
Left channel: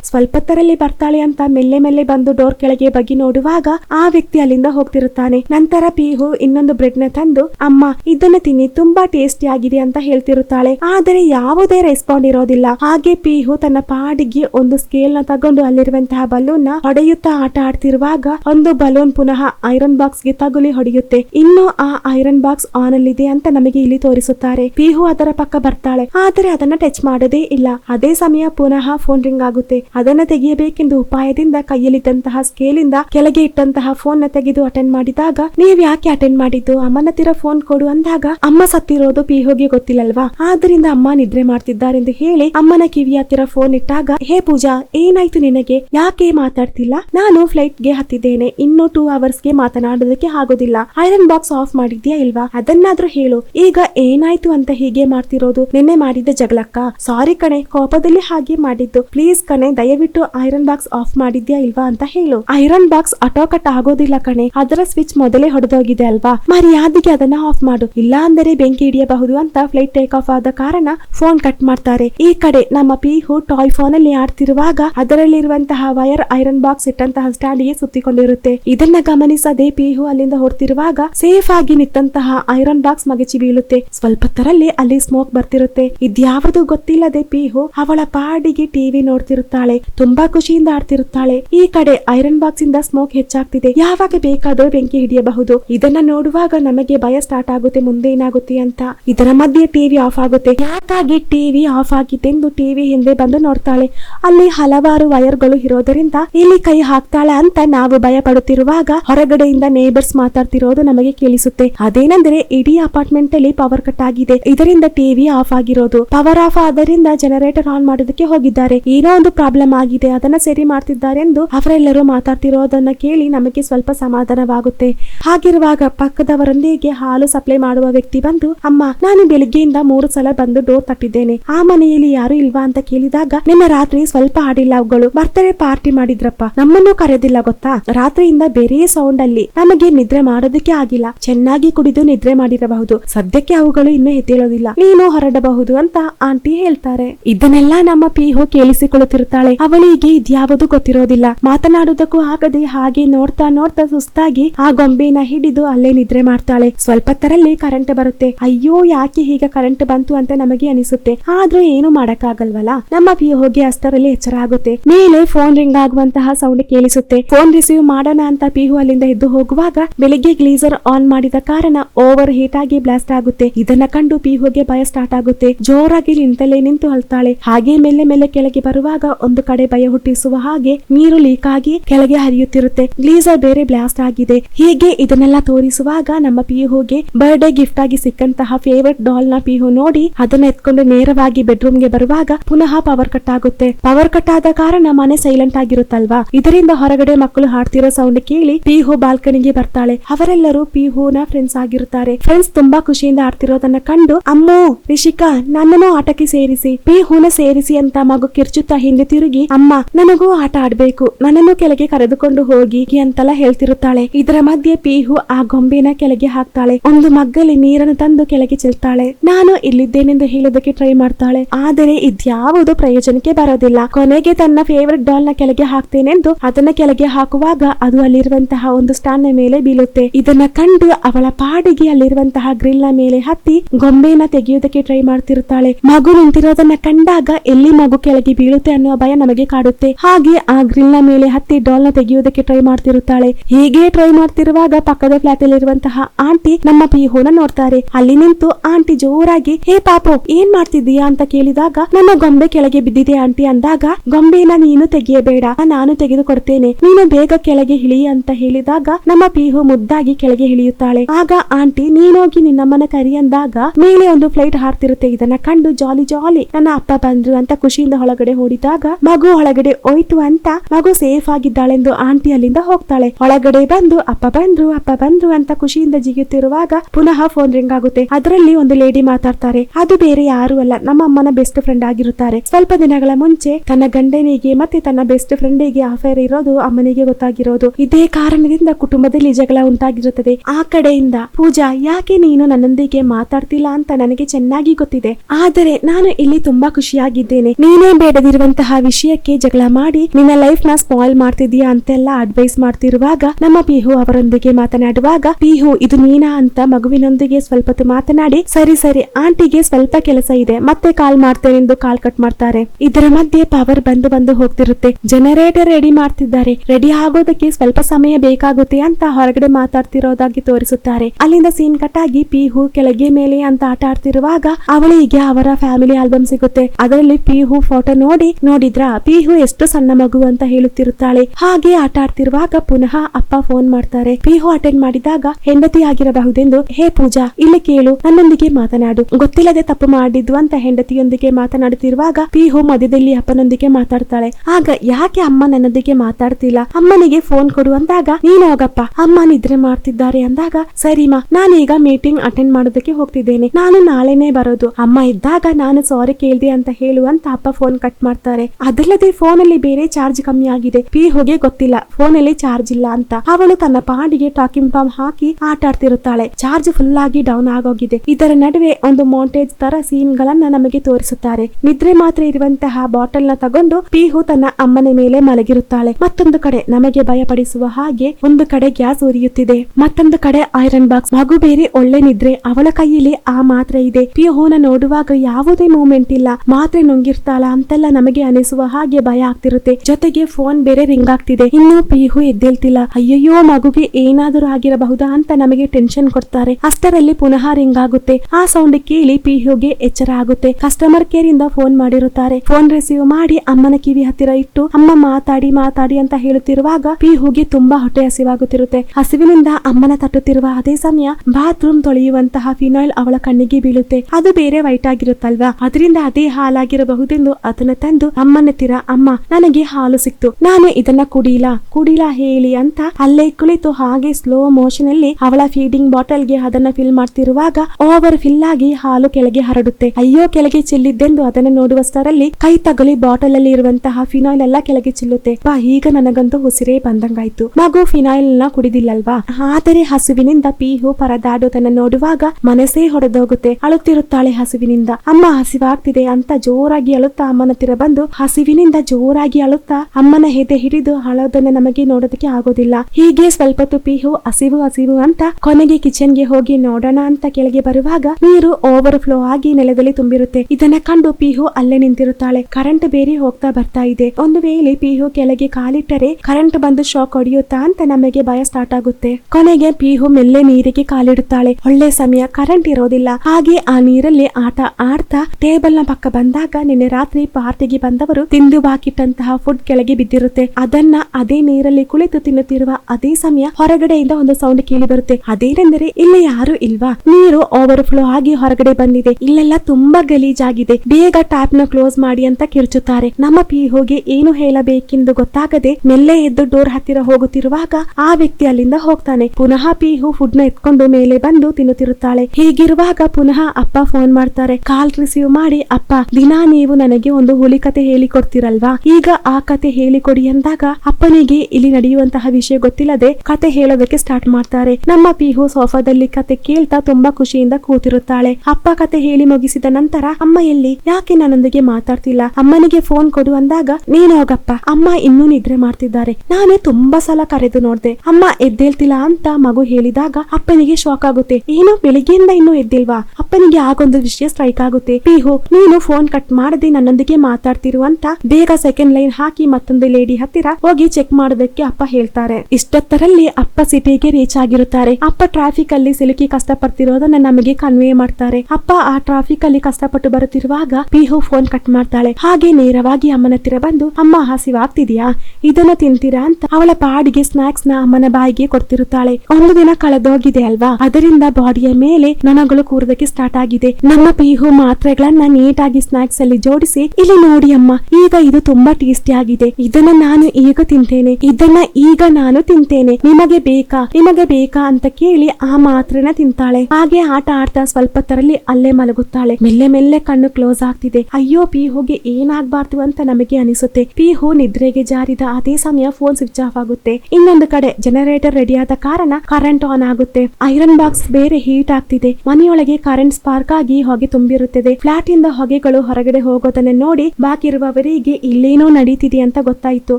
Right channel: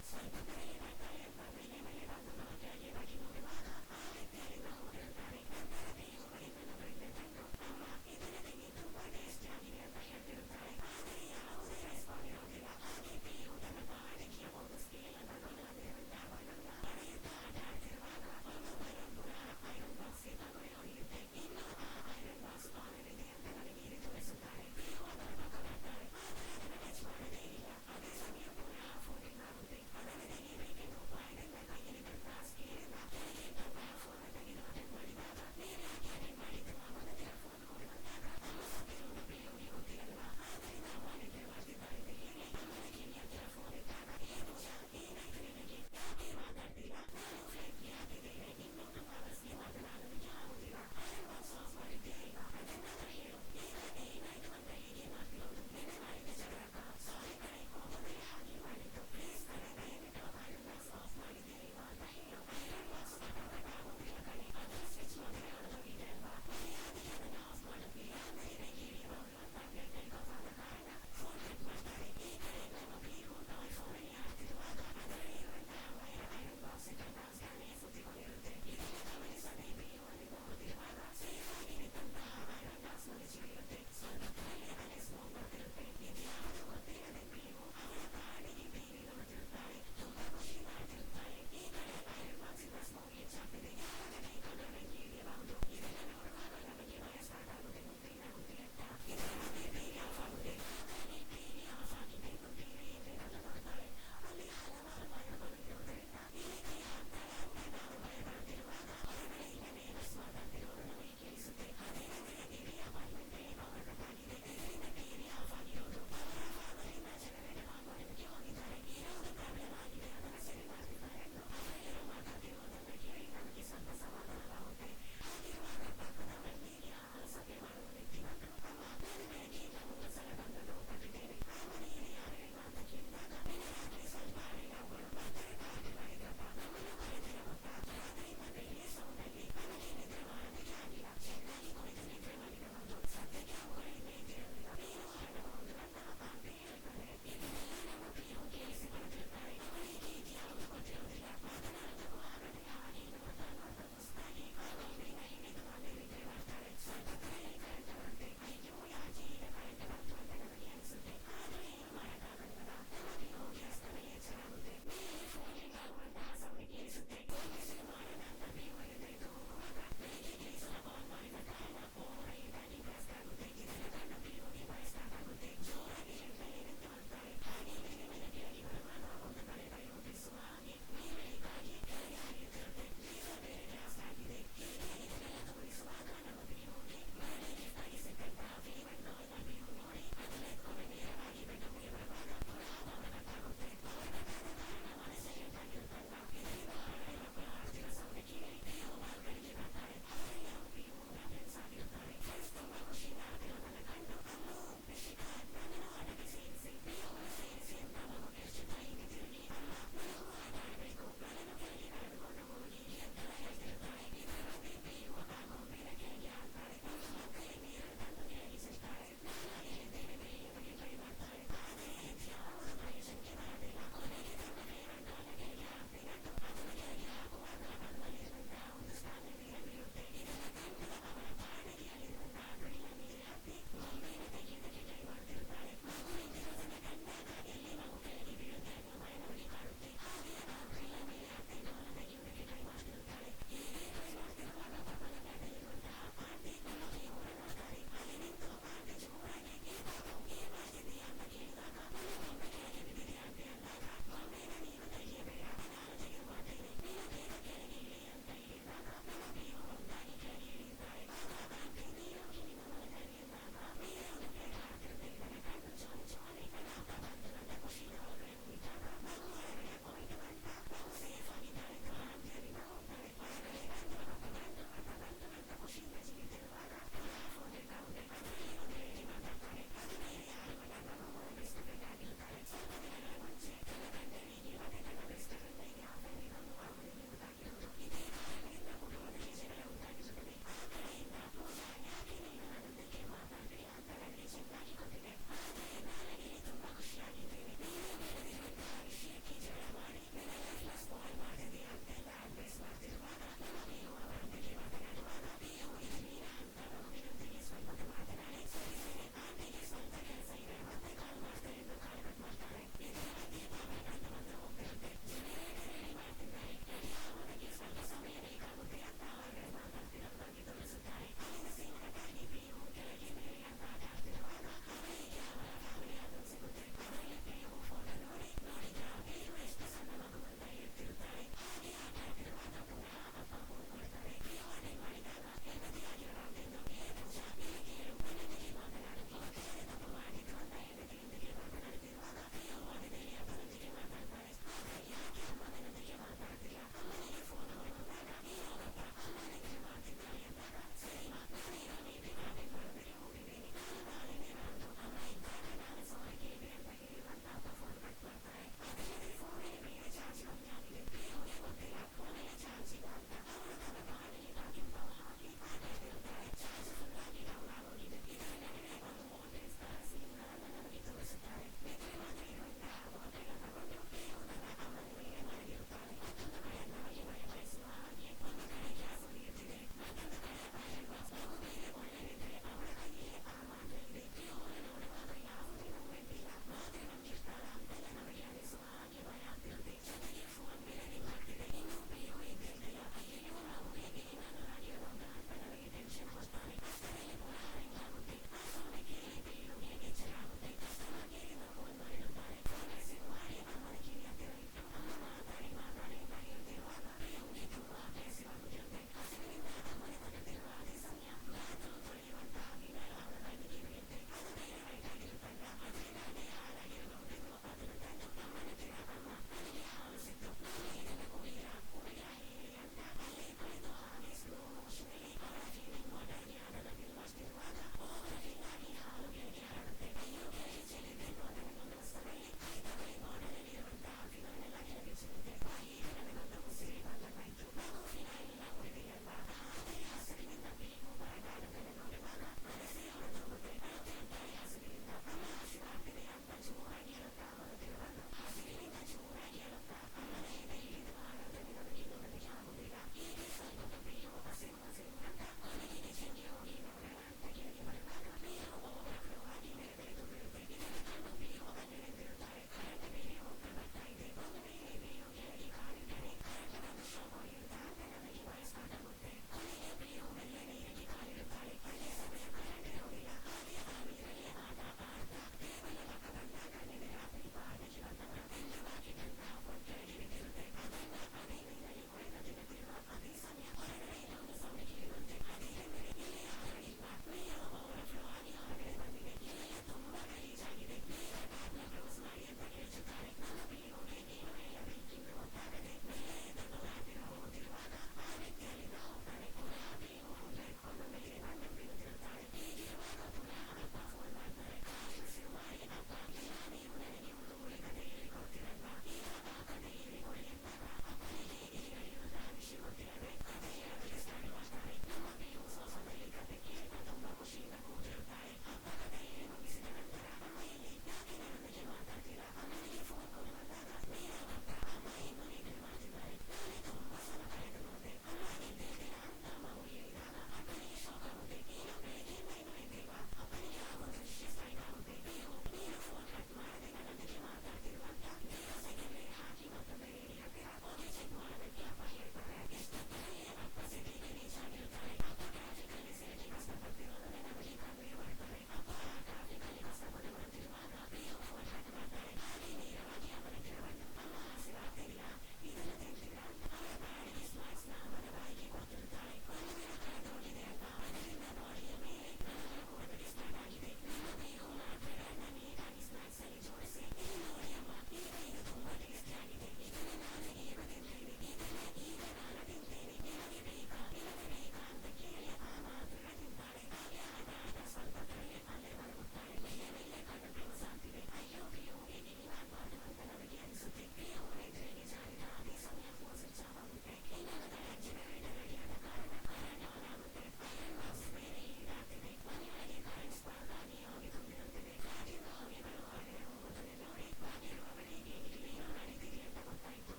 ಸ್ವಲ್ಪತ್ತರಲ್ಲಿ ಬರ್ತಾಳೆ ಅಂತ ಮೆಲ್ಲೆ ಮೆಲ್ಲೆ ಬಂದು ಡೋರ್ ಕೆಳಗೆ ಬಗ್ಗಿ ನೋಡುವಾಗ ಆ ವ್ಯಕ್ತಿ ಅಲ್ಲಿಂದ ಹೋಗ್ತಿರುತ್ತಾನೆ. ನಂತರ ಪೇಹು ಇನ್ನೊಂದು ಬ್ರೆಡ್ನ ತಂದು, ಅಮ್ಮ, ಇದನ್ನ ತಿನ್ನಿ, ತುಂಬಾ ಟೇಸ್ಟಿ ಆಗಿದೆ ಅಂತ ಹೇಳ್ತಿರುತ್ತಾಳೆ. ಆದರೆ ಯಾವುದೇ ರೆಸ್ಪಾಂಡ್ ಇರೋದಿಲ್ಲ. ಹಾಗೆ ಪೇಹು ತನ್ನ ಪಾಡಿಗೆ ಒಂದು ಸ್ಕೇಲ್ನ ತಗೊಂಡು ಅಲ್ಲಿರುವಂತಹ ಬಲೂನ್ನ ಹೊಡೆಯುತ್ತಾ ಆಟ ಆಡ್ತಿರುವಾಗ ಒಂದು ಬಲೂನ್ ಪುನಃ ಐರನ್ ಬಾಕ್ಸ್ಗೆ ತಗುಲಿ ಹೊಡೆಯುತ್ತೆ. ಇನ್ನು ಆ ಐರನ್ ಬಾಕ್ಸ್ ಆನ್ ಅಲ್ಲಿದೆ ಅಂತ ನಮಗೆ ಇಲ್ಲಿ ತೋರಿಸುತ್ತಾರೆ. ಪೀಹು ಅದರ ಪಕ್ಕ ಬರ್ತಾಳೆ. ಆದರೆ ಅದನ್ನ ಟಚ್ ಮಾಡೋದೇ ಇಲ್ಲ. ಅದೇ ಸಮಯ ಪುನಃ ಫೋನ್ ರಿಂಗ್ ಆಗುತ್ತೆ. ಅದನ್ನ ತೆಗೆಯಬೇಕೆಂದು ಉಪಾಯದಿಂದ ಕೈಯಲ್ಲಿದ್ದಂತಹ ಸ್ಕೇಲ್ ಇಂದ ಕೆಳಗೆ ಇಟ್ಟಂತಹ ಫೋನ್ನ ತೆಗೆದು ಅಟೆಂಡ್ ಮಾಡಿದಾಗ, ನೀವ್ ಯಾಕೆ ಅಟೆಂಡ್ ಮಾಡಿದ್ದು? ಅಮ್ಮನ ಹತ್ತಿರ ಫೋನ್ ಕೊಡು ಅಂದಾಗ ಅಮ್ಮ ಸತ್ತಿರೋದು ಪೀಹುಗೆ ಗೊತ್ತಿಲ್ಲಲ್ವಾ? ಆದ್ರಿಂದ ಅಮ್ಮ ನಿದ್ರೆ ಮಾಡ್ತಿದ್ದಾರೆ ಎಂದು ಹೇಳಿ ಅಮ್ಮನ ಕಿವಿಯ ಹತ್ತಿರ ಫೋನ್ ಇಟ್ಟಾಗ, ಹೇ ಪೂಜಾ, ಏನಾಯ್ತು ನಿನಗೆ? ಯಾಕೆ ಮಾತಾಡ್ತಿಲ್ಲ? ನಾನು ಫ್ಲೈಟ್ಗೆ ಹತ್ತಿದ್ದೇನೆ. ಇನ್ನು ಟೂ ಅವರ್ಸ್ಗೆ ಮಾತನಾಡೋದಕ್ಕೆ ಆಗೋದಿಲ್ಲ. ಐರನ್ ಬಾಕ್ಸ್ ಆಫ್ ಮಾಡಿದ್ಯಾ ಇಲ್ವಾ? ಅದನ್ನಾದ್ರೂ ಹೇಳು. ಈಗ ಏನಾಯ್ತು ಅಂತ ಹೀಗೆ ಮಾಡ್ತಿರೋದು? ನಿನ್ನೆ ಮಾಡಿದ್ದ ಜಗಳಕ್ಕ? ಸಾರಿ ಕಣೆ ಕೋಪದಲ್ಲಿ ಹಾಗೆ ಮಾಡಿದ್ದು. ಪ್ಲೀಸ್ ಕಣೆ, ದಯವಿಟ್ಟು ಐರನ್ ಬಾಕ್ಸ್ ಆಫ್ ಮಾಡಿದ್ಯಾ ಇಲ್ವಾ ಅಂತ ಹೇಳು. ಐರನ್ ಬಾಕ್ಸ್ ಆಟೋ ಕಟ್ ಆಗೋದಿಲ್ಲ ಕಣೆ. ಅದರ ಸ್ವಿಚ್ ಮೊದಲೇ ಹೊಡೆದೋಗಿದೆ ಅಲ್ವಾ? ಮರ್ಯಾದೆಗೆ ಅದನ್ನ ಆಫ್ ಮಾಡು. ಇಲ್ಲ ಅಂದರೆ ಬೆಂಕಿ ಹಿಡಿಯಬಹುದು ಅಂತ ಫ್ಲೈಟ್ ಟೇಕ್ ಆಫ್ ಆದ ಕಾರಣ ಫೋನ್ ಕಟ್ ಮಾಡ್ತಾರೆ. ಈ ಕಡೆ ನಮ್ಮ ಪಿಹು ಟಾಯ್ ಫೋನ್ ಅಲ್ಲಿ ಆಡ್ತಿರುವಾಗ ಅದರಲ್ಲಿರುವಂತಹ ವೈರ್ ಐರನ್ ಬಾಕ್ಸ್ ಇಟ್ಟಂತಹ ಸ್ಟ್ಯಾಂಡ್ಗೆ ಸುತ್ತಿಕೊಂಡಿರುತ್ತೆ. ಇದನ್ನ ಗಮನಿಸದೆ ಪಿಹು ಅಲ್ಲಿಂದ ಹೊರತಿರುವಾಗ ಸೇಫ್ ಆಗಿ ನಿಂತಹ ಐರನ್ ಬಾಕ್ಸ್ ಮಗಚಿ ಬೀಳುತ್ತೆ. ಸ್ವಲ್ಪತ್ತರಲ್ಲಿ ಅಲ್ಲಿ ಸ್ಮೋಕ್ ಬರ್ತಿರುತ್ತೆ. ಇದ್ಯಾವುದು ಗೊತ್ತಿಲ್ಲದೆ ಪಿಹು ಅವಳ ಪಾಡಿಗೆ ಟಿವಿ ನೋಡ್ತಿರುತ್ತಾಳೆ, ತುಂಬಾ ಖುಷಿಯಿಂದ ಆಡ್ತಿರುತ್ತಾಳೆ. ಈ ಕಡೆ ಐರನ್ ಬಾಕ್ಸ್ ಇಂದ ಸ್ಮೋಕ್ ಹೆಚ್ಚಾಗ್ತಿದೆ. ಯಾವಾಗ ಬೇಕಾದರೂ ಬೆಂಕಿ ಹಿಡಿಯಬಹುದು. ಇದನ್ನ ನೋಡುವಾಗ ನಮಗೆ ಭಯ ಸ್ಟಾರ್ಟ್ ಆಗುತ್ತೆ, ಮುಂದೆ ಏನಾಗುತ್ತೆ ಅಂತ. ಇದರ ಮಧ್ಯೆ ಟಿವಿ ಆಫ್ ಆಗುತ್ತೆ. ಯಾಕಾಗಿ ಟಿವಿ ಆಫ್ ಆಗಿತ್ತೆಂದು ಟಿವಿ ಹಿಂದೆ ಬಂದು ನೋಡ್ತಾಳೆ. ಅಲ್ಲಿ ಹಲವಾರು ವೈರ್ಗಳು ಇರೋದರಿಂದ ಇಲ್ಲಿ ಕೈ ಹಾಕ್ತಾಳೆ ಅಂತ ನಾವು ಭಯ ಪಡುತ್ತಿರುವಾಗ ಹೊರಗಡೆಯಿಂದ ನೇಬರ್ಸ್ ಮಾತಾಡ್ತಿರೋದು ನಮಗೆ ಕೇಳಿಸುತ್ತೆ. ಅದೇನೆಂದ್ರೆ ಇಡೀ ಅಪಾರ್ಟ್ಮೆಂಟ್ ಅಲ್ಲಿ ಪವರ್ ಕಟ್ ಆಗಿದೆ. ಇದರಿಂದ ಟಿವಿ ಆಫ್ ಆಗಿರೋದು. ಪವರ್ ಆಫ್ ಆದ್ದರಿಂದ ಜನರೇಟರ್ ಆನ್ ಮಾಡೋದಕ್ಕೆ ಹೋಗಿದ್ದಾರೆ. ಏನೋ ಒಂದು ಪ್ರಾಬ್ಲಮ್ ಆಗಿದೆ. ಅದನ್ನ ಸರಿ ಮಾಡ್ತಿದ್ದಾರೆ ಎಂದು ಅವರೆಲ್ಲರೂ ಮಾತಾಡ್ತಿರೋದನ್ನ ಕೇಳಿ ನಮಗೆ ಸ್ವಲ್ಪ ಸಮಾಧಾನವಾಗುತ್ತೆ. ಹಾಗಿರುವಾಗ ಪಕ್ಕದವರೊಂದಿಗೆ ಹಾಲು ಸಪ್ಲೈ ಮಾಡುವ ವ್ಯಕ್ತಿ ಬಂದು, ಅಮ್ಮ, ನಾನು ಬೆಳಿಗ್ಗೆಯಿಂದ ಮೂರು ಸಲ ಬಂದು ಡೋರ್ ತಟ್ಟಿದ್ದೇನೆ. ಆ ಮನೆಯಲ್ಲಿ ಯಾರು ಇಲ್ವಾ ಅಂತ ಕೇಳಿದಾಗ, ನಿನ್ನ ರಾತ್ರಿ ಸ್ವಲ್ಪ ಆಡಿಲ್ಲ ಅವುಗಳು. ಬರ್ತಡೇ ಪಾರ್ಟಿ ಮಾಡಿದ್ರಪ್ಪ. ನಮ್ಮನ್ನು ಕರೆದಿಲ್ಲ ಗೊತ್ತಾ? ರಾತ್ರಿಯಿಂದ ಬೇರೆ ಸೌಂಡ್ ಅಲ್ಲಿ. ನಮಗೆ ನಿದ್ರೆ ಮಾಡೋದಕ್ಕೆ ಆಗಿಲ್ಲ. ಚೆನ್ನಾಗಿ ಕುಡಿದು ನಿದ್ರೆ ಮಾಡಿರಬಹುದು. ಸದ್ಯಕ್ಕೆ ಅವುಗಳು ಇನ್ನೂ ಎದ್ದೇಳೋದಿಲ್ಲ. ನೀನು ಹೊರಡಬಹುದು ಅಂತ ಆಂಟಿ ಹೇಳ್ತಾರೆ. ಇದನ್ನೆಲ್ಲ ನಮ್ಮ ಪಿಹು ಕೇಳಿಸಿಕೊಳ್ಳುತ್ತಿರುತ್ತಾಳೆ. ಅವಳಿಗೆ ಇದ್ಯಾವುದು ಗೊತ್ತಿರೋದಿಲ್ಲ. ಮಾತನಾಡುವುದಕ್ಕೂ ಆಗದೆ ಹಾಗೆ ನೋಡ್ತಾ ನೋಡ್ತಾ ಸುಸ್ತಾಗಿ ಆ ಗೊಂಬೆನ ಹಿಡಿದು ಅಲ್ಲೇ ನಿದ್ರೆ ಮಾಡ್ತಾಳೆ. ಸ್ವಲ್ಪತ್ತರಲ್ಲಿ ಕರೆಂಟ್ ಬರುತ್ತೆ. ಅಯ್ಯೋ, ಯಾಕೆ ಈಗ ಕರೆಂಟ್ ಬಂತು ಅಂತ ನಮಗೆ ಅನಿಸುತ್ತೆ. ಆದ್ರೂ ಏನು ಮಾಡಕ್ಕಾಗಲ್ವಲ್ಲ? ನಮ್ಮ ಪಿಹುಗೆ ಅಷ್ಟರಲ್ಲಿ ಎಚ್ಚರ ಆಗುತ್ತೆ. ಮೇಲೆ ಫೋನ್ ರಿಂಗ್ ಆಗುವಂತಹ ಸೌಂಡ್ ಕೇಳಿಸುತ್ತೆ. ಫೋನ್ ರಿಸೀವ್ ಮಾಡೋಣ ಅಂತ ಪಿಹು ಅಲ್ಲಿಂದ ಎದ್ದು ಹೋಗುವಾಗ ಬೆಳಿಗ್ಗೆ ಗ್ಲೀಸರ್ ಆನ್ ಮಾಡಿದ ಕಾರಣ ಓವರ್ ಹೀಟ್ ಆಗಿ ಬ್ಲಾಸ್ಟ್ ಆಗುತ್ತೆ. ಇದನ್ನ ಕಂಡು ಪಿಹುಗೆ ಭಯ ಸ್ಟಾರ್ಟ್ ಆಗುತ್ತೆ. ಜೋರಾಗಿ ನಿಂತಲೇ ನಿಂತು ಅಳ್ತಾಳೆ. ಹಾಗೆ ಮೆಲ್ಲೆ ಮೆಲ್ಲೆ ಕೆಳಗೆ ಬರುವಾಗ ಒಂದು ಕಡೆ ಭಯ ಹುಟ್ಟಿಸುವ ಹಾಗೆ ನೀರು ಲೀಕ್ ಆಗಿ ಕೆಳಗೆ ಹರಿಯುತ್ತಿರುತ್ತೆ. ಗ್ಲೀಸರ್ ಬೇರೆ ಬ್ಲಾಸ್ಟ್ ಆಗಿದೆ. ಹೀಗೆ ಇದನ್ನೆಲ್ಲ ತೋರಿಸುವಾಗ ನಮ್ಮ ಪಿಹುಗೆ ಬರ್ಡೇ ಗಿಫ್ಟ್ ಆಗಿ ಸಿಕ್ಕಂತಹ ಫೇವರೆಟ್ ಡಾಲ್ನ ಪಿಹು ನೋಡಿ ಅದನ್ನ ಎತ್ಕೊಂಡು ನೇರವಾಗಿ ಬೆಡ್ರೂಮ್ಗೆ ಬರುವಾಗ ಪುನಃ ಪವರ್ ಕಟ್ ಆಗುತ್ತೆ. ಪವರ್ ಕಟ್ ಆದ ಕಾರಣ ಮನೆ ಸೈಲೆಂಟ್ ಆಗಿರುತ್ತಲ್ವಾ? ಇದರಿಂದ ಹೊರಗಡೆ ಮಕ್ಕಳು ಹಾಡ್ತಿರೋ ಸೌಂಡ್ ಕೇಳಿ ಪಿಹು ಬಾಲ್ಕನಿಗೆ ಬರ್ತಾಳೆ. ಅವರೆಲ್ಲರೂ ಪಿಹುನ ಫ್ರೆಂಡ್ಸ್ ಆಗಿರುತ್ತಾರೆ. ಫ್ರೆಂಡ್ಸ್ ತುಂಬಾ ಖುಷಿಯಿಂದ ಆಡ್ತಿರೋದನ್ನ ಕಂಡು, ಅಮ್ಮು, ರಿಷಿಕಾ, ನನ್ನನ್ನು ಆಟಕ್ಕೆ ಸೇರಿಸಿ. ಪಿಹುನ ಸೇರಿಸಿ ಅಂತ ಮಗು ಕಿರ್ಚುತ್ತಾ ಹಿಂದೆ ತಿರುಗಿ, ಅಮ್ಮ, ನನಗೂ ಆಟ ಆಡ್ಬೇಕು. ನನ್ನನ್ನು ಕೆಳಗೆ ಕರೆದುಕೊಂಡು ಹೋಗಿ ಅಂತೆಲ್ಲ ಹೇಳ್ತಿರುತ್ತಾಳೆ. ಇದರ ಮಧ್ಯೆ ಪಿಹು ಆ ಗೊಂಬೆನ ಕೆಳಗೆ ಹಾಕ್ತಾಳೆ. ಒಂದು ಮಗ್ಗಲಿ ನೀರನ್ನು ತಂದು ಕೆಳಗೆ ಚೆಲ್ತಾಳೆ. ನಾನು ಇಲ್ಲಿದ್ದೇನೆಂದು ಹೇಳೋದಕ್ಕೆ ಟ್ರೈ ಮಾಡ್ತಾಳೆ. ಆದರೆ ಇದ್ಯಾವುದು ಪ್ರಯೋಜನಕ್ಕೆ ಬರೋದಿಲ್ಲ. ಕೊನೆಗೆ ತನ್ನ ಫೇವರೆಟ್ ಡಾಲ್ನ ಕೆಳಗೆ ಹಾಕ್ತೇನೆಂದು ಅದನ್ನ ಕೆಳಗೆ ಹಾಕುವಾಗ ಅದು ಅಲ್ಲಿರುವಂತಹ ಒಂದು ಸ್ಟ್ಯಾಂಡ್ ಮೇಲೆ ಬೀಳುತ್ತೆ. ಇದನ್ನ ಕಂಡು ಅವಳ ಪಾಡಿಗೆ ಅಲ್ಲಿರುವಂತಹ ಗ್ರಿಲ್ನ ಮೇಲೆ ಹತ್ತಿ ಗೊಂಬೆನ ತೆಗೆಯೋದಕ್ಕೆ ಟ್ರೈ ಮಾಡ್ತಿರುತ್ತಾಳೆ. ಮಗು ನಿಂತಿರೋದನ್ನ ಕಂಡಾಗ ಎಲ್ಲಿ ಮಗು ಕೆಳಗೆ ಬೀಳುತ್ತೆ ಅನ್ನುವ ಭಯ ನಮಗೆ ಕಾಡುತ್ತೆ. ಹಾಗೆ ಆ ಗ್ರಿಲ್ನ ಮೇಲೆ ಹತ್ತಿ ಡಾಲ್ನ ತೆಗೆಯುವುದಕ್ಕೆ ಟ್ರೈ ಮಾಡ್ತಿರುತ್ತಾಳೆ. ಹೀಗೆ ಟ್ರೈ ಮಾಡ್ತಿರುವಾಗ ಪಕ್ಕದ ಫ್ಲಾಟ್ ಅಲ್ಲಿರುವಂತಹ ಆಂಟಿ ನಮ್ಮ ಪಿಹೋನ ನೋಡ್ತಾರೆ. ಅಲ್ಲಿ ನಿಂತು ಆಂಟಿ ಜೋರಾಗಿ, ಹೇ ಪಾಪು, ಏನ್ ಮಾಡ್ತಿದ್ದೀಯಾ? ಅಂತ ಕೇಳಿದಾಗ, ನಮ್ಮ ಗೊಂಬೆ ಕೆಳಗೆ ಬಿದ್ದಿದೆ ಆಂಟಿ ಅಂದಾಗ, ಗೊಂಬೆನ ನೀನು ತೆಗೆಯಬೇಡ, ನಾನು ತೆಗೆದುಕೊಡ್ತೇನೆ. ನೀನು ಬೇಗ ಕೆಳಗೆ ಇಳಿ ಅಂತ ಹೇಳಿದಾಗ, ನಮ್ಮ ಪಿಹು ಮುದ್ದಾಗಿ ಕೆಳಗೆ ಇಳಿಯುತ್ತಾಳೆ. ಆಗ ಆಂಟಿ, ನೀನೋಗಿ ನಿನ್ನಮ್ಮನ ಕರಿ ಅಂದಾಗ, ಮೇಲೆ ಒಂದು ಫ್ಲೈಟ್ ಹಾರ್ತಿರುತ್ತೆ. ಇದನ್ನ ಕಂಡು ಜಾಲಿ ಜಾಲಿ ನನ್ನ ಅಪ್ಪ ಬಂದ್ರು ಅಂತ ಖುಷಿಯಿಂದ ಒಳಗಡೆ ಓಡಿದಾಗ ಮಗು ಒಳಗಡೆ ಹೋಯ್ತು ಅಂತ ಮಗು ಸೇಫ್ ಆಗಿದ್ದಾಳೆಂದು ಆಂಟಿ ಅಲ್ಲಿಂದ ಹೋಗ್ತಾಳೆ. ಒಳಗಡೆ ಬಂದು, ಅಪ್ಪ ಬಂದ್ರು ಅಪ್ಪ ಬಂದ್ರು ಅಂತ ಖುಷಿಯಿಂದ ಜಿಗಿಯುತ್ತಿರುವಾಗ ಪುನಃ ಫೋನ್ ರಿಂಗ್ ಆಗುತ್ತೆ. ಅದರಲ್ಲಿ ಒಂದು ಲೇಡಿ ಮಾತಾಡ್ತಾರೆ. ಅದು ಬೇರೆ ಯಾರು ಅಲ್ಲ, ನಮ್ಮ ಅಮ್ಮನ ಬೆಸ್ಟ್ ಫ್ರೆಂಡ್ ಆಗಿರುತ್ತಾರೆ. ಸ್ವಲ್ಪ ದಿನಗಳ ಮುಂಚೆ ತನ್ನ ಗಂಡನಿಗೆ ಮತ್ತೆ ತನ್ನ ಬೆಸ್ಟ್ ಫ್ರೆಂಡಿಗೆ ಅಫೇರ್ ಇರೋದು ಅಮ್ಮನಿಗೆ ಗೊತ್ತಾಗಿರೋದು. ಇದೇ ಕಾರಣದಿಂದ ಕುಟುಂಬದಲ್ಲಿ ಜಗಳ ಉಂಟಾಗಿರುತ್ತದೆ. ಆ ಕಡೆಯಿಂದ, ಪೂಜಾ, ಯಾಕೆ ನೀನು ನನ್ನೊಂದಿಗೆ ಮಾತಾಡ್ತಿಲ್ಲ ಅಂತ ನನಗೆ ಚೆನ್ನಾಗಿ ಗೊತ್ತಿದೆ. ಆದರೆ ನಾನು ಇಲ್ಲಿ ತುಂಬಾ ಖುಷಿಯಾಗಿದ್ದೀನಿ. ಇದ್ದೇನೆ. ನೀನೇ ಬೇಡದಿರುವಂತಹ ವಿಷಯಕ್ಕೆ ಜಗಳ ಮಾಡಿ ನಿನ್ನ ಲೈಫ್ನ ಸ್ಪಾಯ್ಲ್ ಮಾಡ್ತಿದ್ಯಾ ಅಂತೆಲ್ಲ ಅಡ್ವೈಸ್ ಮಾಡ್ತಿರುವಾಗ ನಮ್ಮ ಪಿಹು ಅವರೊಂದಿಗೆ ಮಾತನಾಡುವಾಗ, ಪಿಹು, ಇದು ನೀನಾ ಅಂತ ಮಗುವಿನೊಂದಿಗೆ ಸ್ವಲ್ಪ ಮಾತನಾಡಿ, ಸರಿ ಸರಿ, ಆಂಟಿಗೆ ಸ್ವಲ್ಪ ಕೆಲಸ ಇದೆ, ಮತ್ತೆ ಕಾಲ್ ಮಾಡ್ತೇನೆ ಎಂದು ಕಾಲ್ ಕಟ್ ಮಾಡ್ತಾರೆ. ಇದರ ಮಧ್ಯೆ ಪವರ್ ಬಂದು ಬಂದು ಹೋಗ್ತಿರುತ್ತೆ. ಜನರೇಟರ್ ರೆಡಿ ಮಾಡ್ತಿದ್ದಾರೆ. ರೆಡಿ ಆಗೋದಕ್ಕೆ ಸ್ವಲ್ಪ ಸಮಯ ಬೇಕಾಗುತ್ತೆ ಅಂತ ಹೊರಗಡೆ ಮಾತಾಡ್ತಿರೋದಾಗಿ ತೋರಿಸುತ್ತಾರೆ. ಅಲ್ಲಿಂದ ಸೀನ್ ಕಟ್ ಆಗಿ ಪಿಹು ಕೆಳಗೆ ಮೇಲೆ ಅಂತ ಆಟ ಆಡ್ತಿರುವಾಗ, ಅವಳಿಗೆ ಅವರ ಫ್ಯಾಮಿಲಿ ಆಲ್ಬಮ್ ಸಿಗುತ್ತೆ. ಅದರಲ್ಲಿ ಪಿಹು ಫೋಟೋ ನೋಡಿ, ನೋಡಿದ್ರ ಪಿಹು ಎಷ್ಟು ಸಣ್ಣ ಮಗು ಅಂತ ಹೇಳುತ್ತಿರುತ್ತಾಳೆ. ಹಾಗೆ ಆಟ ಆಡ್ತಿರುವಾಗ ಪುನಃ ಅಪ್ಪ ಫೋನ್ ಮಾಡ್ತಾರೆ. ಪಿಹು ಅಟೆಂಡ್ ಮಾಡಿದಾಗ ಹೆಂಡತಿ ಆಗಿರಬಹುದೆಂದು, ಹೇ ಪೂಜಾ, ಇಲ್ಲಿ ಕೇಳು, ನನ್ನೊಂದಿಗೆ ಮಾತನಾಡು. ಗೊತ್ತಿಲ್ಲದೆ ತಪ್ಪು ಮಾಡಿದ್ದು ಅಂತ ಹೆಂಡತಿಯೊಂದಿಗೆ ಮಾತನಾಡುತ್ತಿರುವಾಗ ಪಿಹು ಮಧ್ಯದಲ್ಲಿ ಅಪ್ಪನೊಂದಿಗೆ ಮಾತಾಡ್ತಾಳೆ. ಆಗ ಯಾಕೆ ಅಮ್ಮ ನನ್ನೊಂದಿಗೆ ಮಾತಾಡ್ತಿಲ್ಲ? ಅಮ್ಮನಿಗೆ ಫೋನ್ ಕೊಡು ಅಂದಾಗ, ನೀನ್ ಹೋಗಪ್ಪ, ಅಮ್ಮ ನಿದ್ರೆ ಮಾಡ್ತಿದ್ದಾರೆ ಅಂದಾಗ ಸರಿಮಾ ನಾನೀಗ ಮೀಟಿಂಗ್ ಅಟೆಂಡ್ ಮಾಡೋದಕ್ಕೆ ಹೋಗ್ತಿದ್ದೇನೆ. ನಾನು ನಾಳೆನೇ ಬರೋದು. ಅಮ್ಮ ಇದ್ದಾಗ ನಾನು ಸಾರಿ ಕೇಳ್ದೆ ಅಂತ ಹೇಳು ಅಂತ ಅಪ್ಪ ಫೋನ್ ಕಟ್ ಮಾಡ್ತಾರೆ. ಅದಲ್ಲದೆ ಫೋನ್ ಅಲ್ಲಿ ಬೇರೆ ಚಾರ್ಜ್ ಕಮ್ಮಿ ಆಗಿದೆ. ಪಿಹುಗೆ ಗೊತ್ತಿಲ್ಲ. ಫೋನ್ ಅಲ್ಲಿ ಚಾರ್ಜ್ ಇಲ್ಲ ಅಂತ. ಅವಳು ತನ್ನ ಪಾಡಿಗೆ ಟಾಕಿಂಗ್ ಟಾಮ್ ಹಾಕಿ ಆಟ ಆಡ್ತಿರುತ್ತಾಳೆ. ಚಾರ್ಜ್ ಫುಲ್ ಆಗಿ ಡೌನ್ ಆಗೋಗಿದೆ. ಇದರ ನಡುವೆ ಒಂದು ಮೌಂಟೇಜ್ ತರ ಸೀನ್ ಗಳನ್ನ ನಮಗೆ ತೋರಿಸುತ್ತಾರೆ. ನಿದ್ರೆ ಮಾತ್ರ ಇರುವಂತಹ ಬಾಟಲ್ನ ತಗೊಂಡು ಪಿಹು ತನ್ನ ಅಮ್ಮನ ಮೇಲೆ ಮಲಗಿರುತ್ತಾಳೆ. ಮತ್ತೊಂದು ಕಡೆ ನಮಗೆ ಭಯಪಡಿಸುವ ಹಾಗೆ ಒಂದು ಕಡೆ ಗ್ಯಾಸ್ ಉರಿಯುತ್ತಿದೆ. ಮತ್ತೊಂದು ಕಡೆ ಐರನ್ ಬಾಕ್ಸ್ ಮಗು ಬೇರೆ ಒಳ್ಳೆ ನಿದ್ರೆ. ಅವಳ ಕೈಯಲ್ಲಿ ಆ ಮಾತ್ರೆ ಇದೆ. ಪಿಹುನ ನೋಡುವಾಗ ಯಾವುದೇ ಮೂಮೆಂಟ್ ಇಲ್ಲ. ಮಾತ್ರೆ ನುಂಗಿರ್ತಾಳ ಅಂತೆಲ್ಲ ನಮಗೆ ಅನಿಸುವ ಹಾಗೆ ಭಯ ಆಗ್ತಿರುತ್ತೆ. ಜೊತೆಗೆ ಫೋನ್ ಬೇರೆ ರಿಂಗ್ ಆಗ್ತಿದೆ. ಇನ್ನು ಪಿಹು ಎದ್ದೇಳ್ತಿಲ್ಲ. ಅಯ್ಯಯ್ಯೋ, ಮಗುಗೆ ಏನಾದರೂ ಆಗಿರಬಹುದಾ ಅಂತ ನಮಗೆ ಟೆನ್ಷನ್ ಕೊಡ್ತಾರೆ. ಅಷ್ಟರಲ್ಲಿ ಪುನಃ ರಿಂಗ್ ಆಗುತ್ತೆ. ಆ ಸೌಂಡ್ ಕೇಳಿ ಪಿಹುಗೆ ಎಚ್ಚರ ಆಗುತ್ತೆ. ಕಸ್ಟಮರ್ ಕೇರ್ ಇಂದ ಫೋನ್ ಮಾಡಿರುತ್ತಾರೆ. ಫೋನ್ ರಿಸೀವ್ ಮಾಡಿ ಅಮ್ಮನ ಕಿವಿ ಹತ್ತಿರ ಇಟ್ಟು, ಅಮ್ಮ, ಮಾತಾಡಿ ಮಾತಾಡಿ ಅಂತ ಹೇಳುತ್ತಿರುವಾಗ ಪಿಹುಗೆ ತುಂಬಾ ಹೊಟ್ಟೆ ಹಸಿವಾಗುತ್ತಿರುತ್ತೆ. ಹಸಿವಿನಿಂದ ಅಮ್ಮನ ತಟ್ಟುತ್ತಿರುವ ಅದೇ ಸಮಯ ಬಾತ್ರೂಮ್ ತೊಳೆಯುವಂತಹ ಫಿನಾಯ್ಲ್ ಅವಳ ಕಣ್ಣಿಗೆ ಬೀಳುತ್ತೆ. ಅದು ಬೇರೆ ವೈಟ್ ಆಗಿರುತ್ತಲ್ವಾ? ಅದರಿಂದ ಅದೇ ಹಾಲಾಗಿರಬಹುದೆಂದು ಅದನ್ನ ತಂದು ಅಮ್ಮನತ್ತಿರ ಅಮ್ಮ, ನನಗೆ ಹಾಲು ಸಿಕ್ತು. ನಾನು ಇದನ್ನ ಕುಡಿಲ? ಕುಡಿಲ ಹೇಳಿ ಅಂತ ಅಲ್ಲೇ ಕುಳಿತು ಹಾಗೆ ಸ್ಲೋ ಮೋಷನ್ ಅಲ್ಲಿ ಅವಳ ಫೀಡಿಂಗ್ ಬಾಟಲ್ಗೆ ಅದನ್ನ ಫಿಲ್ ಮಾಡ್ತಿರುವಾಗ ಓವರ್ ಫಿಲ್ ಆಗಿ ಹಾಲು ಕೆಳಗೆ ಹರಡುತ್ತೆ. ಅಯ್ಯೋ, ಕೆಳಗೆ ಚೆಲ್ಲಿದ್ದೆಂದು ಅದನ್ನ ನೋಡುವಷ್ಟರಲ್ಲಿ ಕೈ ತಗುಲಿ ಬಾಟಲ್ ಅಲ್ಲಿ ಇರುವಂತಹ ಫಿನಾಯ್ಲ್ ಎಲ್ಲ ಕೆಳಗೆ ಚೆಲ್ಲುತ್ತೆ. ಬಾ, ಈಗ ನನಗಂತೂ ಉಸಿರೇ ಬಂದಂಗಾಯ್ತು. ಮಗು ಫಿನಾಯ್ಲ್ನ ಕುಡಿದಿಲ್ಲಲ್ವಾ? ಆದರೆ ಹಸುವಿನಿಂದ ಪೀಹು ಪರದಾಡೋದನ್ನ ನೋಡುವಾಗ ಮನಸ್ಸೇ ಹೊಡೆದೋಗುತ್ತೆ. ಅಳುತ್ತಿರುತ್ತಾಳೆ ಹಸುವಿನಿಂದ. ಅಮ್ಮ, ಹಸಿವಾಗ್ತಿದೆ ಅಂತ ಜೋರಾಗಿ ಅಳುತ್ತಾ ಅಮ್ಮನ ಹತ್ತಿರ ಬಂದು ಹಸಿವಿನಿಂದ ಜೋರಾಗಿ ಅಳುತ್ತಾ ಅಮ್ಮನ ಹೆದೆ ಹಿಡಿದು ಅಳೋದನ್ನ ನಮಗೆ ನೋಡೋದಕ್ಕೆ ಆಗೋದಿಲ್ಲ. ಹೀಗೆ ಸ್ವಲ್ಪ ಪಿಹು ಹಸಿವು ಹಸಿವು ಅಂತ ಕೊನೆಗೆ ಕಿಚನ್ಗೆ ಹೋಗಿ ನೋಡೋಣ ಅಂತ ಕೆಳಗೆ ಬರುವಾಗ ನೀರು ಓವರ್ ಫ್ಲೋ ಆಗಿ ನೆಲದಲ್ಲಿ ತುಂಬಿರುತ್ತೆ. ಇದನ್ನ ಕಂಡು ಪಿಹು ಅಲ್ಲೇ ನಿಂತಿರುತ್ತಾಳೆ. ಕರೆಂಟ್ ಬೇರೆ ಹೋಗ್ತಾ ಬರ್ತಾ ಇದೆ. ಒಂದು ವೇಳೆ ಪಿಹು ಕೆಳಗೆ ಕಾಲಿಟ್ಟರೆ ಕರೆಂಟ್ ಬಂದು ಶಾಕ್ ಹೊಡೆಯುತ್ತಾ ಅಂತ ನಮಗೆ ಭಯ ಸ್ಟಾರ್ಟ್ ಆಗುತ್ತೆ. ಕೊನೆಗೆ ಪಿಹು ಮೆಲ್ಲೆ ನೀರಿಗೆ ಕಾಲಿಡುತ್ತಾಳೆ. ಒಳ್ಳೆ ಸಮಯ ಕರೆಂಟ್ ಇರೋದಿಲ್ಲ. ಹಾಗೆ ಆ ನೀರಲ್ಲಿ ಆಟ ಆಡ್ತಾ ಟೇಬಲ್ನ ಪಕ್ಕ ಬಂದಾಗ ನಿನ್ನೆ ರಾತ್ರಿ ಪಾರ್ಟಿಗೆ ಬಂದವರು ತಿಂದು ಬಾಕಿಟ್ಟಂತಹ ಫುಡ್ ಕೆಳಗೆ ಬಿದ್ದಿರುತ್ತೆ. ಅದನ್ನ ಅದೇ ನೀರಲ್ಲಿ ಕುಳಿತು ತಿನ್ನುತ್ತಿರುವ ಅದೇ ಸಮಯ ಹೊರಗಡೆಯಿಂದ ಒಂದು ಸೌಂಡ್ ಕೇಳಿ ಬರುತ್ತೆ. ಅದೇನೆಂದರೆ ಇಲ್ಲಿ ಯಾರು ಇಲ್ವಾ? ನೀರು ಓವರ್ ಫ್ಲೋ ಆಗಿ ಹೊರಗಡೆ ಬಂದಿದೆ. ಇಲ್ಲೆಲ್ಲ ತುಂಬಾ ಗಲೀಜಾಗಿದೆ. ಬೇಗ ಟ್ಯಾಪ್ನ ಕ್ಲೋಸ್ ಮಾಡಿ ಅಂತ ಕಿರ್ಚುತ್ತಾರೆ. ನಮ್ಮ ಪಿಹುಗೆ ಏನು ಹೇಳಬೇಕೆಂದು ಗೊತ್ತಾಗದೆ ಮೆಲ್ಲೆ ಎದ್ದು ಡೋರ್ ಹತ್ತಿರ ಹೋಗುತ್ತಿರುವಾಗ ಆ ವ್ಯಕ್ತಿ ಅಲ್ಲಿಂದ ಹೋಗ್ತಾನೆ. ಪುನಃ ಪಿಹು ಫುಡ್ನ ಎತ್ಕೊಂಡು ಮೇಲೆ ಬಂದು ತಿನ್ನುತ್ತಿರುತ್ತಾಳೆ. ಹೀಗಿರುವಾಗ ಪುನಃ ಅಪ್ಪ ಫೋನ್ ಮಾಡ್ತಾರೆ. ಕಾಲ್ ರಿಸೀವ್ ಮಾಡಿ, ಅಪ್ಪ, ದಿನಾ ನೀವು ನನಗೆ ಒಂದು ಹುಲಿ ಕತೆ ಹೇಳಿಕೊಡ್ತಿರಲ್ವಾ? ಈಗ ಆ ಕತೆ ಹೇಳಿಕೊಡಿ ಅಂದಾಗ ಅಪ್ಪನಿಗೆ ಇಲ್ಲಿ ನಡೆಯುವಂತಹ ವಿಷಯ ಗೊತ್ತಿಲ್ಲದೆ ಕತೆ ಹೇಳೋದಕ್ಕೆ ಸ್ಟಾರ್ಟ್ ಮಾಡ್ತಾರೆ. ನಮ್ಮ ಪಿಹು ಸೋಫಾದಲ್ಲಿ ಕತೆ ಕೇಳ್ತಾ ತುಂಬಾ ಖುಷಿಯಿಂದ ಕೂತಿರುತ್ತಾಳೆ. ಅಪ್ಪ ಕತೆ ಹೇಳಿ ಮುಗಿಸಿದ ನಂತರ, ಅಮ್ಮ ಎಲ್ಲಿ? ಯಾಕೆ ನನ್ನೊಂದಿಗೆ ಮಾತಾಡ್ತಿಲ್ಲ? ಅಮ್ಮನಿಗೆ ಫೋನ್ ಕೊಡು ಅಂದಾಗ, ನೀನ್ ಹೋಗಪ್ಪ. ಅಮ್ಮ ಇನ್ನೂ ನಿದ್ರೆ ಮಾಡ್ತಿದ್ದಾರೆ. ನಾನೇ ತುಂಬಾ ಸಲ ಕರೆದು ನೋಡ್ದೆ. ಅಮ್ಮ ಎದ್ದೇಳ್ತಿಲ್ಲ ಅಂತ ಮಗು ಹೇಳಿದಾಗ ಅಪ್ಪನಿಗೆ ಶಾಕ್ ಆಗುತ್ತೆ. ಏನು ಬೆಳಿಗ್ಗೆಯಿಂದ ಇನ್ನೂ ಎದ್ದಿಲ್ವಾ ಅಪ್ಪನಿಗೆ ಆಗೊಂದು ವಿಷಯ ಸ್ಟ್ರೈಕ್ ಆಗುತ್ತೆ. ಪಿಹು, ನೀನು ಫೋನ್ ಕಟ್ ಮಾಡದೆ ನನ್ನೊಂದಿಗೆ ಮಾತಾಡ್ತಿರುವಂತ, ಬೇಗ ಸೆಕೆಂಡ್ ಲೈನ್ ಹಾಕಿ ಮತ್ತೊಂದು ಲೇಡಿ ಹತ್ತಿರ ಹೋಗಿ ಚೆಕ್ ಮಾಡೋದಕ್ಕೆ ಅಪ್ಪ ಹೇಳ್ತಾರೆ. ಇಷ್ಟೊತ್ತರಲ್ಲಿ ಅಪ್ಪ ಸಿಟಿಗೆ ರೀಚ್ ಆಗಿರುತ್ತಾರೆ. ಅಪ್ಪ ಟ್ರಾಫಿಕ್ ಅಲ್ಲಿ ಸಿಲುಕಿ ಕಷ್ಟಪಡ್ತಿರೋದನ್ನ ನಮಗೆ ಕನ್ವೇ ಮಾಡ್ತಾರೆ. ಅಪ್ಪ ಆ ಟ್ರಾಫಿಕ್ ಅಲ್ಲಿ ಕಷ್ಟಪಟ್ಟು ಬರುತ್ತಿರುವಾಗ ಪಿಹು ಫೋನ್ ಕಟ್ ಮಾಡ್ತಾಳೆ. ಹಾಗೆ ನೇರವಾಗಿ ಅಮ್ಮನ ಹತ್ತಿರ ಬಂದು, ಅಮ್ಮ ಹಸಿವಾಗ್ತಿದ್ಯಾ? ಇದನ್ನ ತಿಂತೀರಾ? ಅಂತ ಅವಳ ಪಾಡಿಗೆ ಸ್ನಾಕ್ಸ್ನ ಅಮ್ಮನ ಬಾಯಿಗೆ ಕೊಡ್ತಿರುತ್ತಾಳೆ. ಒಂದು ದಿನ ಕಳೆದೋಗಿದೆ ಅಲ್ವಾ? ಅದರಿಂದ ಬಾಡಿಯ ಮೇಲೆ ನೊಣಗಳು ಕೂರದಕ್ಕೆ ಸ್ಟಾರ್ಟ್ ಆಗಿದೆ. ನಮ್ಮ ಪಿಹು ಮಾತ್ರೆಗಳನ್ನ ನೀಟಾಗಿ ಸ್ನಾಕ್ಸ್ ಅಲ್ಲಿ ಜೋಡಿಸಿ, ಇಲ್ಲಿ ನೋಡಿ ಅಮ್ಮ, ಈಗ ಇದು ತುಂಬಾ ಟೇಸ್ಟಿ ಆಗಿದೆ. ಇದನ್ನ ನಾನು ಈಗ ತಿಂತೇನೆ. ಇದನ್ನ ಈಗ ನಾನು ತಿಂತೇನೆ. ನಿಮಗೆ ಬೇಕಾ? ನಿಮಗೆ ಬೇಕಾ? ಅಂತ ಕೇಳಿ ಆ ಮಾತ್ರೆನ ತಿಂತಾಳೆ. ಹಾಗೆ ಆಟ ಆಡ್ತಾ ಸ್ವಲ್ಪ ತರಲಿ ಅಲ್ಲೇ ಮಲಗುತ್ತಾಳೆ. ಮೆಲ್ಲೆ ಮೆಲ್ಲೆ ಕಣ್ಣು ಕ್ಲೋಸ್ ಆಗ್ತಿದೆ. ಅಯ್ಯೋ, ಪಿಹುಗೆ ಏನಾಗ್ಬಾರ್ದು ಅಂತ ನಮಗೆ ಅನಿಸುತ್ತೆ. ಪಿಹು ನಿದ್ರೆಗೆ ಜಾರಿದ ಅದೇ ಸಮಯ ಫೋನ್ ಸ್ವಿಚ್ ಆಫ್ ಆಗುತ್ತೆ. ಇನ್ನೊಂದು ಕಡೆ ಜನರೇಟರ್ ರೆಡಿ ಆದ ಕಾರಣ ಕರೆಂಟ್ ಆನ್ ಆಗುತ್ತೆ. ಐರನ್ ಬಾಕ್ಸ್ ಬೇರೆ ಹೀಟ್ ಆಗ್ತಿದೆ. ಮನೆಯೊಳಗೆ ಕರೆಂಟ್ ಸ್ಪಾರ್ಕ್ ಆಗಿ ಹೊಗೆ ತುಂಬಿರುತ್ತದೆ. ಫ್ಲಾಟ್ ಇಂದ ಹೊಗೆಗಳು ಹೊರಗಡೆ ಹೋಗೋದನ್ನ ನೋಡಿ ಬಾಕಿ ಇರುವವರಿಗೆ ಇಲ್ಲೇನೋ ನಡೀತಿದೆ ಅಂತ ಗೊತ್ತಾಯ್ತು.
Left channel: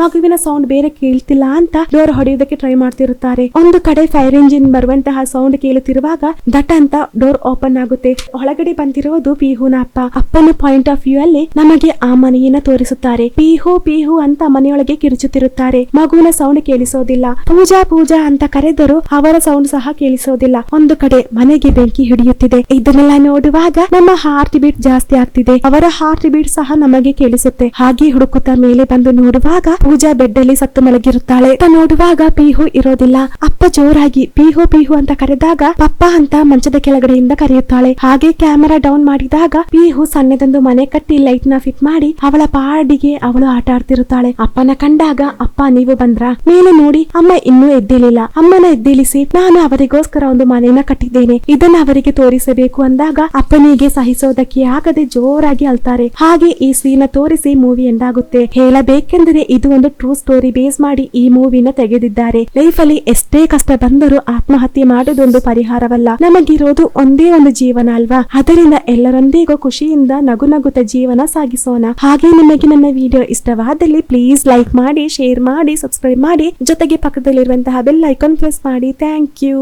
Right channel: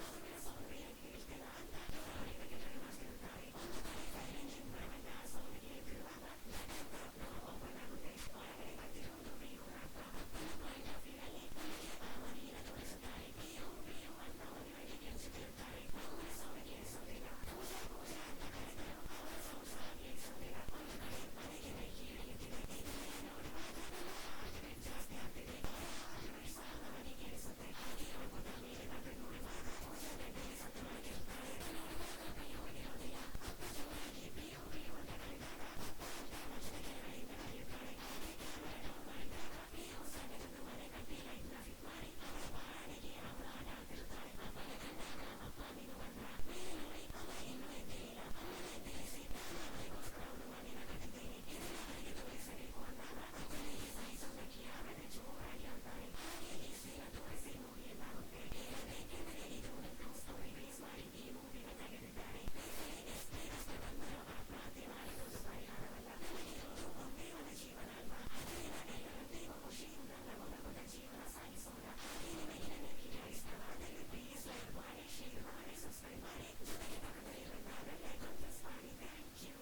ಮಗುವಿನ ಸೌಂಡ್ ಬೇರೆ ಕೇಳ್ತಿಲ್ಲ ಅಂತ ಡೋರ್ ಹೊಡೆಯೋದಕ್ಕೆ ಟ್ರೈ ಮಾಡ್ತಿರುತ್ತಾರೆ. ಒಂದು ಕಡೆ ಫೈರ್ ಇಂಜಿನ್ ಬರುವಂತಹ ಸೌಂಡ್ ಕೇಳುತ್ತಿರುವಾಗ ದಟ್ ಅಂತ ಡೋರ್ ಓಪನ್ ಆಗುತ್ತೆ. ಒಳಗಡೆ ಬಂದಿರೋದು ಪಿಹುನ ಅಪ್ಪ. ಅಪ್ಪನ ಪಾಯಿಂಟ್ ಆಫ್ ವ್ಯೂ ಅಲ್ಲಿ ನಮಗೆ ಆ ಮನೆಯನ್ನ ತೋರಿಸುತ್ತಾರೆ. ಪಿಹು ಪಿಹು ಅಂತ ಮನೆಯೊಳಗೆ ಕಿರುಚುತ್ತಿರುತ್ತಾರೆ. ಮಗುವಿನ ಸೌಂಡ್ ಕೇಳಿಸೋದಿಲ್ಲ. ಪೂಜಾ ಪೂಜಾ ಅಂತ ಕರೆದರೂ ಅವರ ಸೌಂಡ್ ಸಹ ಕೇಳಿಸೋದಿಲ್ಲ. ಒಂದು ಕಡೆ ಮನೆಗೆ ಬೆಂಕಿ ಹಿಡಿಯುತ್ತಿದೆ. ಇದನ್ನೆಲ್ಲ ನೋಡುವಾಗ ನಮ್ಮ ಹಾರ್ಟ್ ಬೀಟ್ ಜಾಸ್ತಿ ಆಗ್ತಿದೆ. ಅವರ ಹಾರ್ಟ್ ಬೀಟ್ ಸಹ ನಮಗೆ ಕೇಳಿಸುತ್ತೆ. ಹಾಗೆ ಹುಡುಕುತ್ತಾ ಮೇಲೆ ಬಂದು ನೋಡುವಾಗ ಪೂಜಾ ಬೆಡ್ ಅಲ್ಲಿ ಸತ್ತು ಮಲಗಿರುತ್ತಾಳೆ. ನೋಡುವಾಗ ಪಿಹು ಇರೋದಿಲ್ಲ. ಅಪ್ಪ ಜೋರಾಗಿ ಪಿಹು ಪಿಹು ಅಂತ ಕರೆದಾಗ ಪಪ್ಪ ಅಂತ ಮಂಚದ ಕೆಳಗಡೆಯಿಂದ ಕರೆಯುತ್ತಾಳೆ. ಹಾಗೆ ಕ್ಯಾಮೆರಾ ಡೌನ್ ಮಾಡಿದಾಗ ಪಿಹು ಸಣ್ಣದೊಂದು ಮನೆ ಕಟ್ಟಿ ಲೈಟ್ನ ಫಿಟ್ ಮಾಡಿ ಅವಳ ಪಾಡಿಗೆ ಅವಳು ಆಟ ಆಡ್ತಿರುತ್ತಾಳೆ. ಅಪ್ಪನ ಕಂಡಾಗ, ಅಪ್ಪ, ನೀವು ಬಂದ್ರ? ಮೇಲೆ ನೋಡಿ, ಅಮ್ಮ ಇನ್ನೂ ಎದ್ದಿಲಿಲ್ಲ ಅಮ್ಮನ ಎದ್ದಿಲಿಸಿ ನಾನು ಅವರಿಗೋಸ್ಕರ ಒಂದು ಮನೆಯನ್ನ ಕಟ್ಟಿದ್ದೇನೆ. ಇದನ್ನ ಅವರಿಗೆ ತೋರಿಸಬೇಕು ಅಂದಾಗ ಅಪ್ಪನಿಗೆ ಸಹಿಸೋದಕ್ಕೆ ಆಗದೆ ಜೋರಾಗಿ ಅಳ್ತಾರೆ ಹಾಗೆ ಈ ಸೀನ್ ತೋರಿಸಿ ಮೂವಿ ಎಂದಾಗುತ್ತೆ. ಹೇಳಬೇಕೆಂದರೆ ಇದು ಒಂದು ಟ್ರೂ ಸ್ಟೋರಿ ಬೇಸ್ ಮಾಡಿ ಈ ಮೂವಿನ ತೆಗೆದಿದ್ದಾರೆ. ಲೈಫ್ ಅಲ್ಲಿ ಎಷ್ಟೇ ಕಷ್ಟ ಬಂದರೂ ಆತ್ಮಹತ್ಯೆ ಮಾಡೋದೊಂದು ಪರಿಹಾರವಲ್ಲ. ನಮಗಿರೋದು ಒಂದೇ ಒಂದು ಜೀವನ ಅಲ್ವಾ? ಅದರಿಂದ ಎಲ್ಲರೊಂದಿಗೂ ಖುಷಿಯಿಂದ ನಗು ನಗುತ್ತ ಜೀವನ ಸಾಗಿಸೋಣ. ಹಾಗೆ ನಿಮಗೆ ನನ್ನ ವಿಡಿಯೋ ಇಷ್ಟವಾದಲ್ಲಿ ಪ್ಲೀಸ್ ಲೈಕ್ ಮಾಡಿ ಶೇರ್ ಮಾಡಿ ಸಬ್ಸ್ಕ್ರೈಬ್ ಮಾಡಿ. ಜೊತೆಗೆ ಪಕ್ಕದಲ್ಲಿರುವಂತಹ ಬೆಲ್ ಐಕಾನ್ ಪ್ರೆಸ್ ಮಾಡಿ. Thank you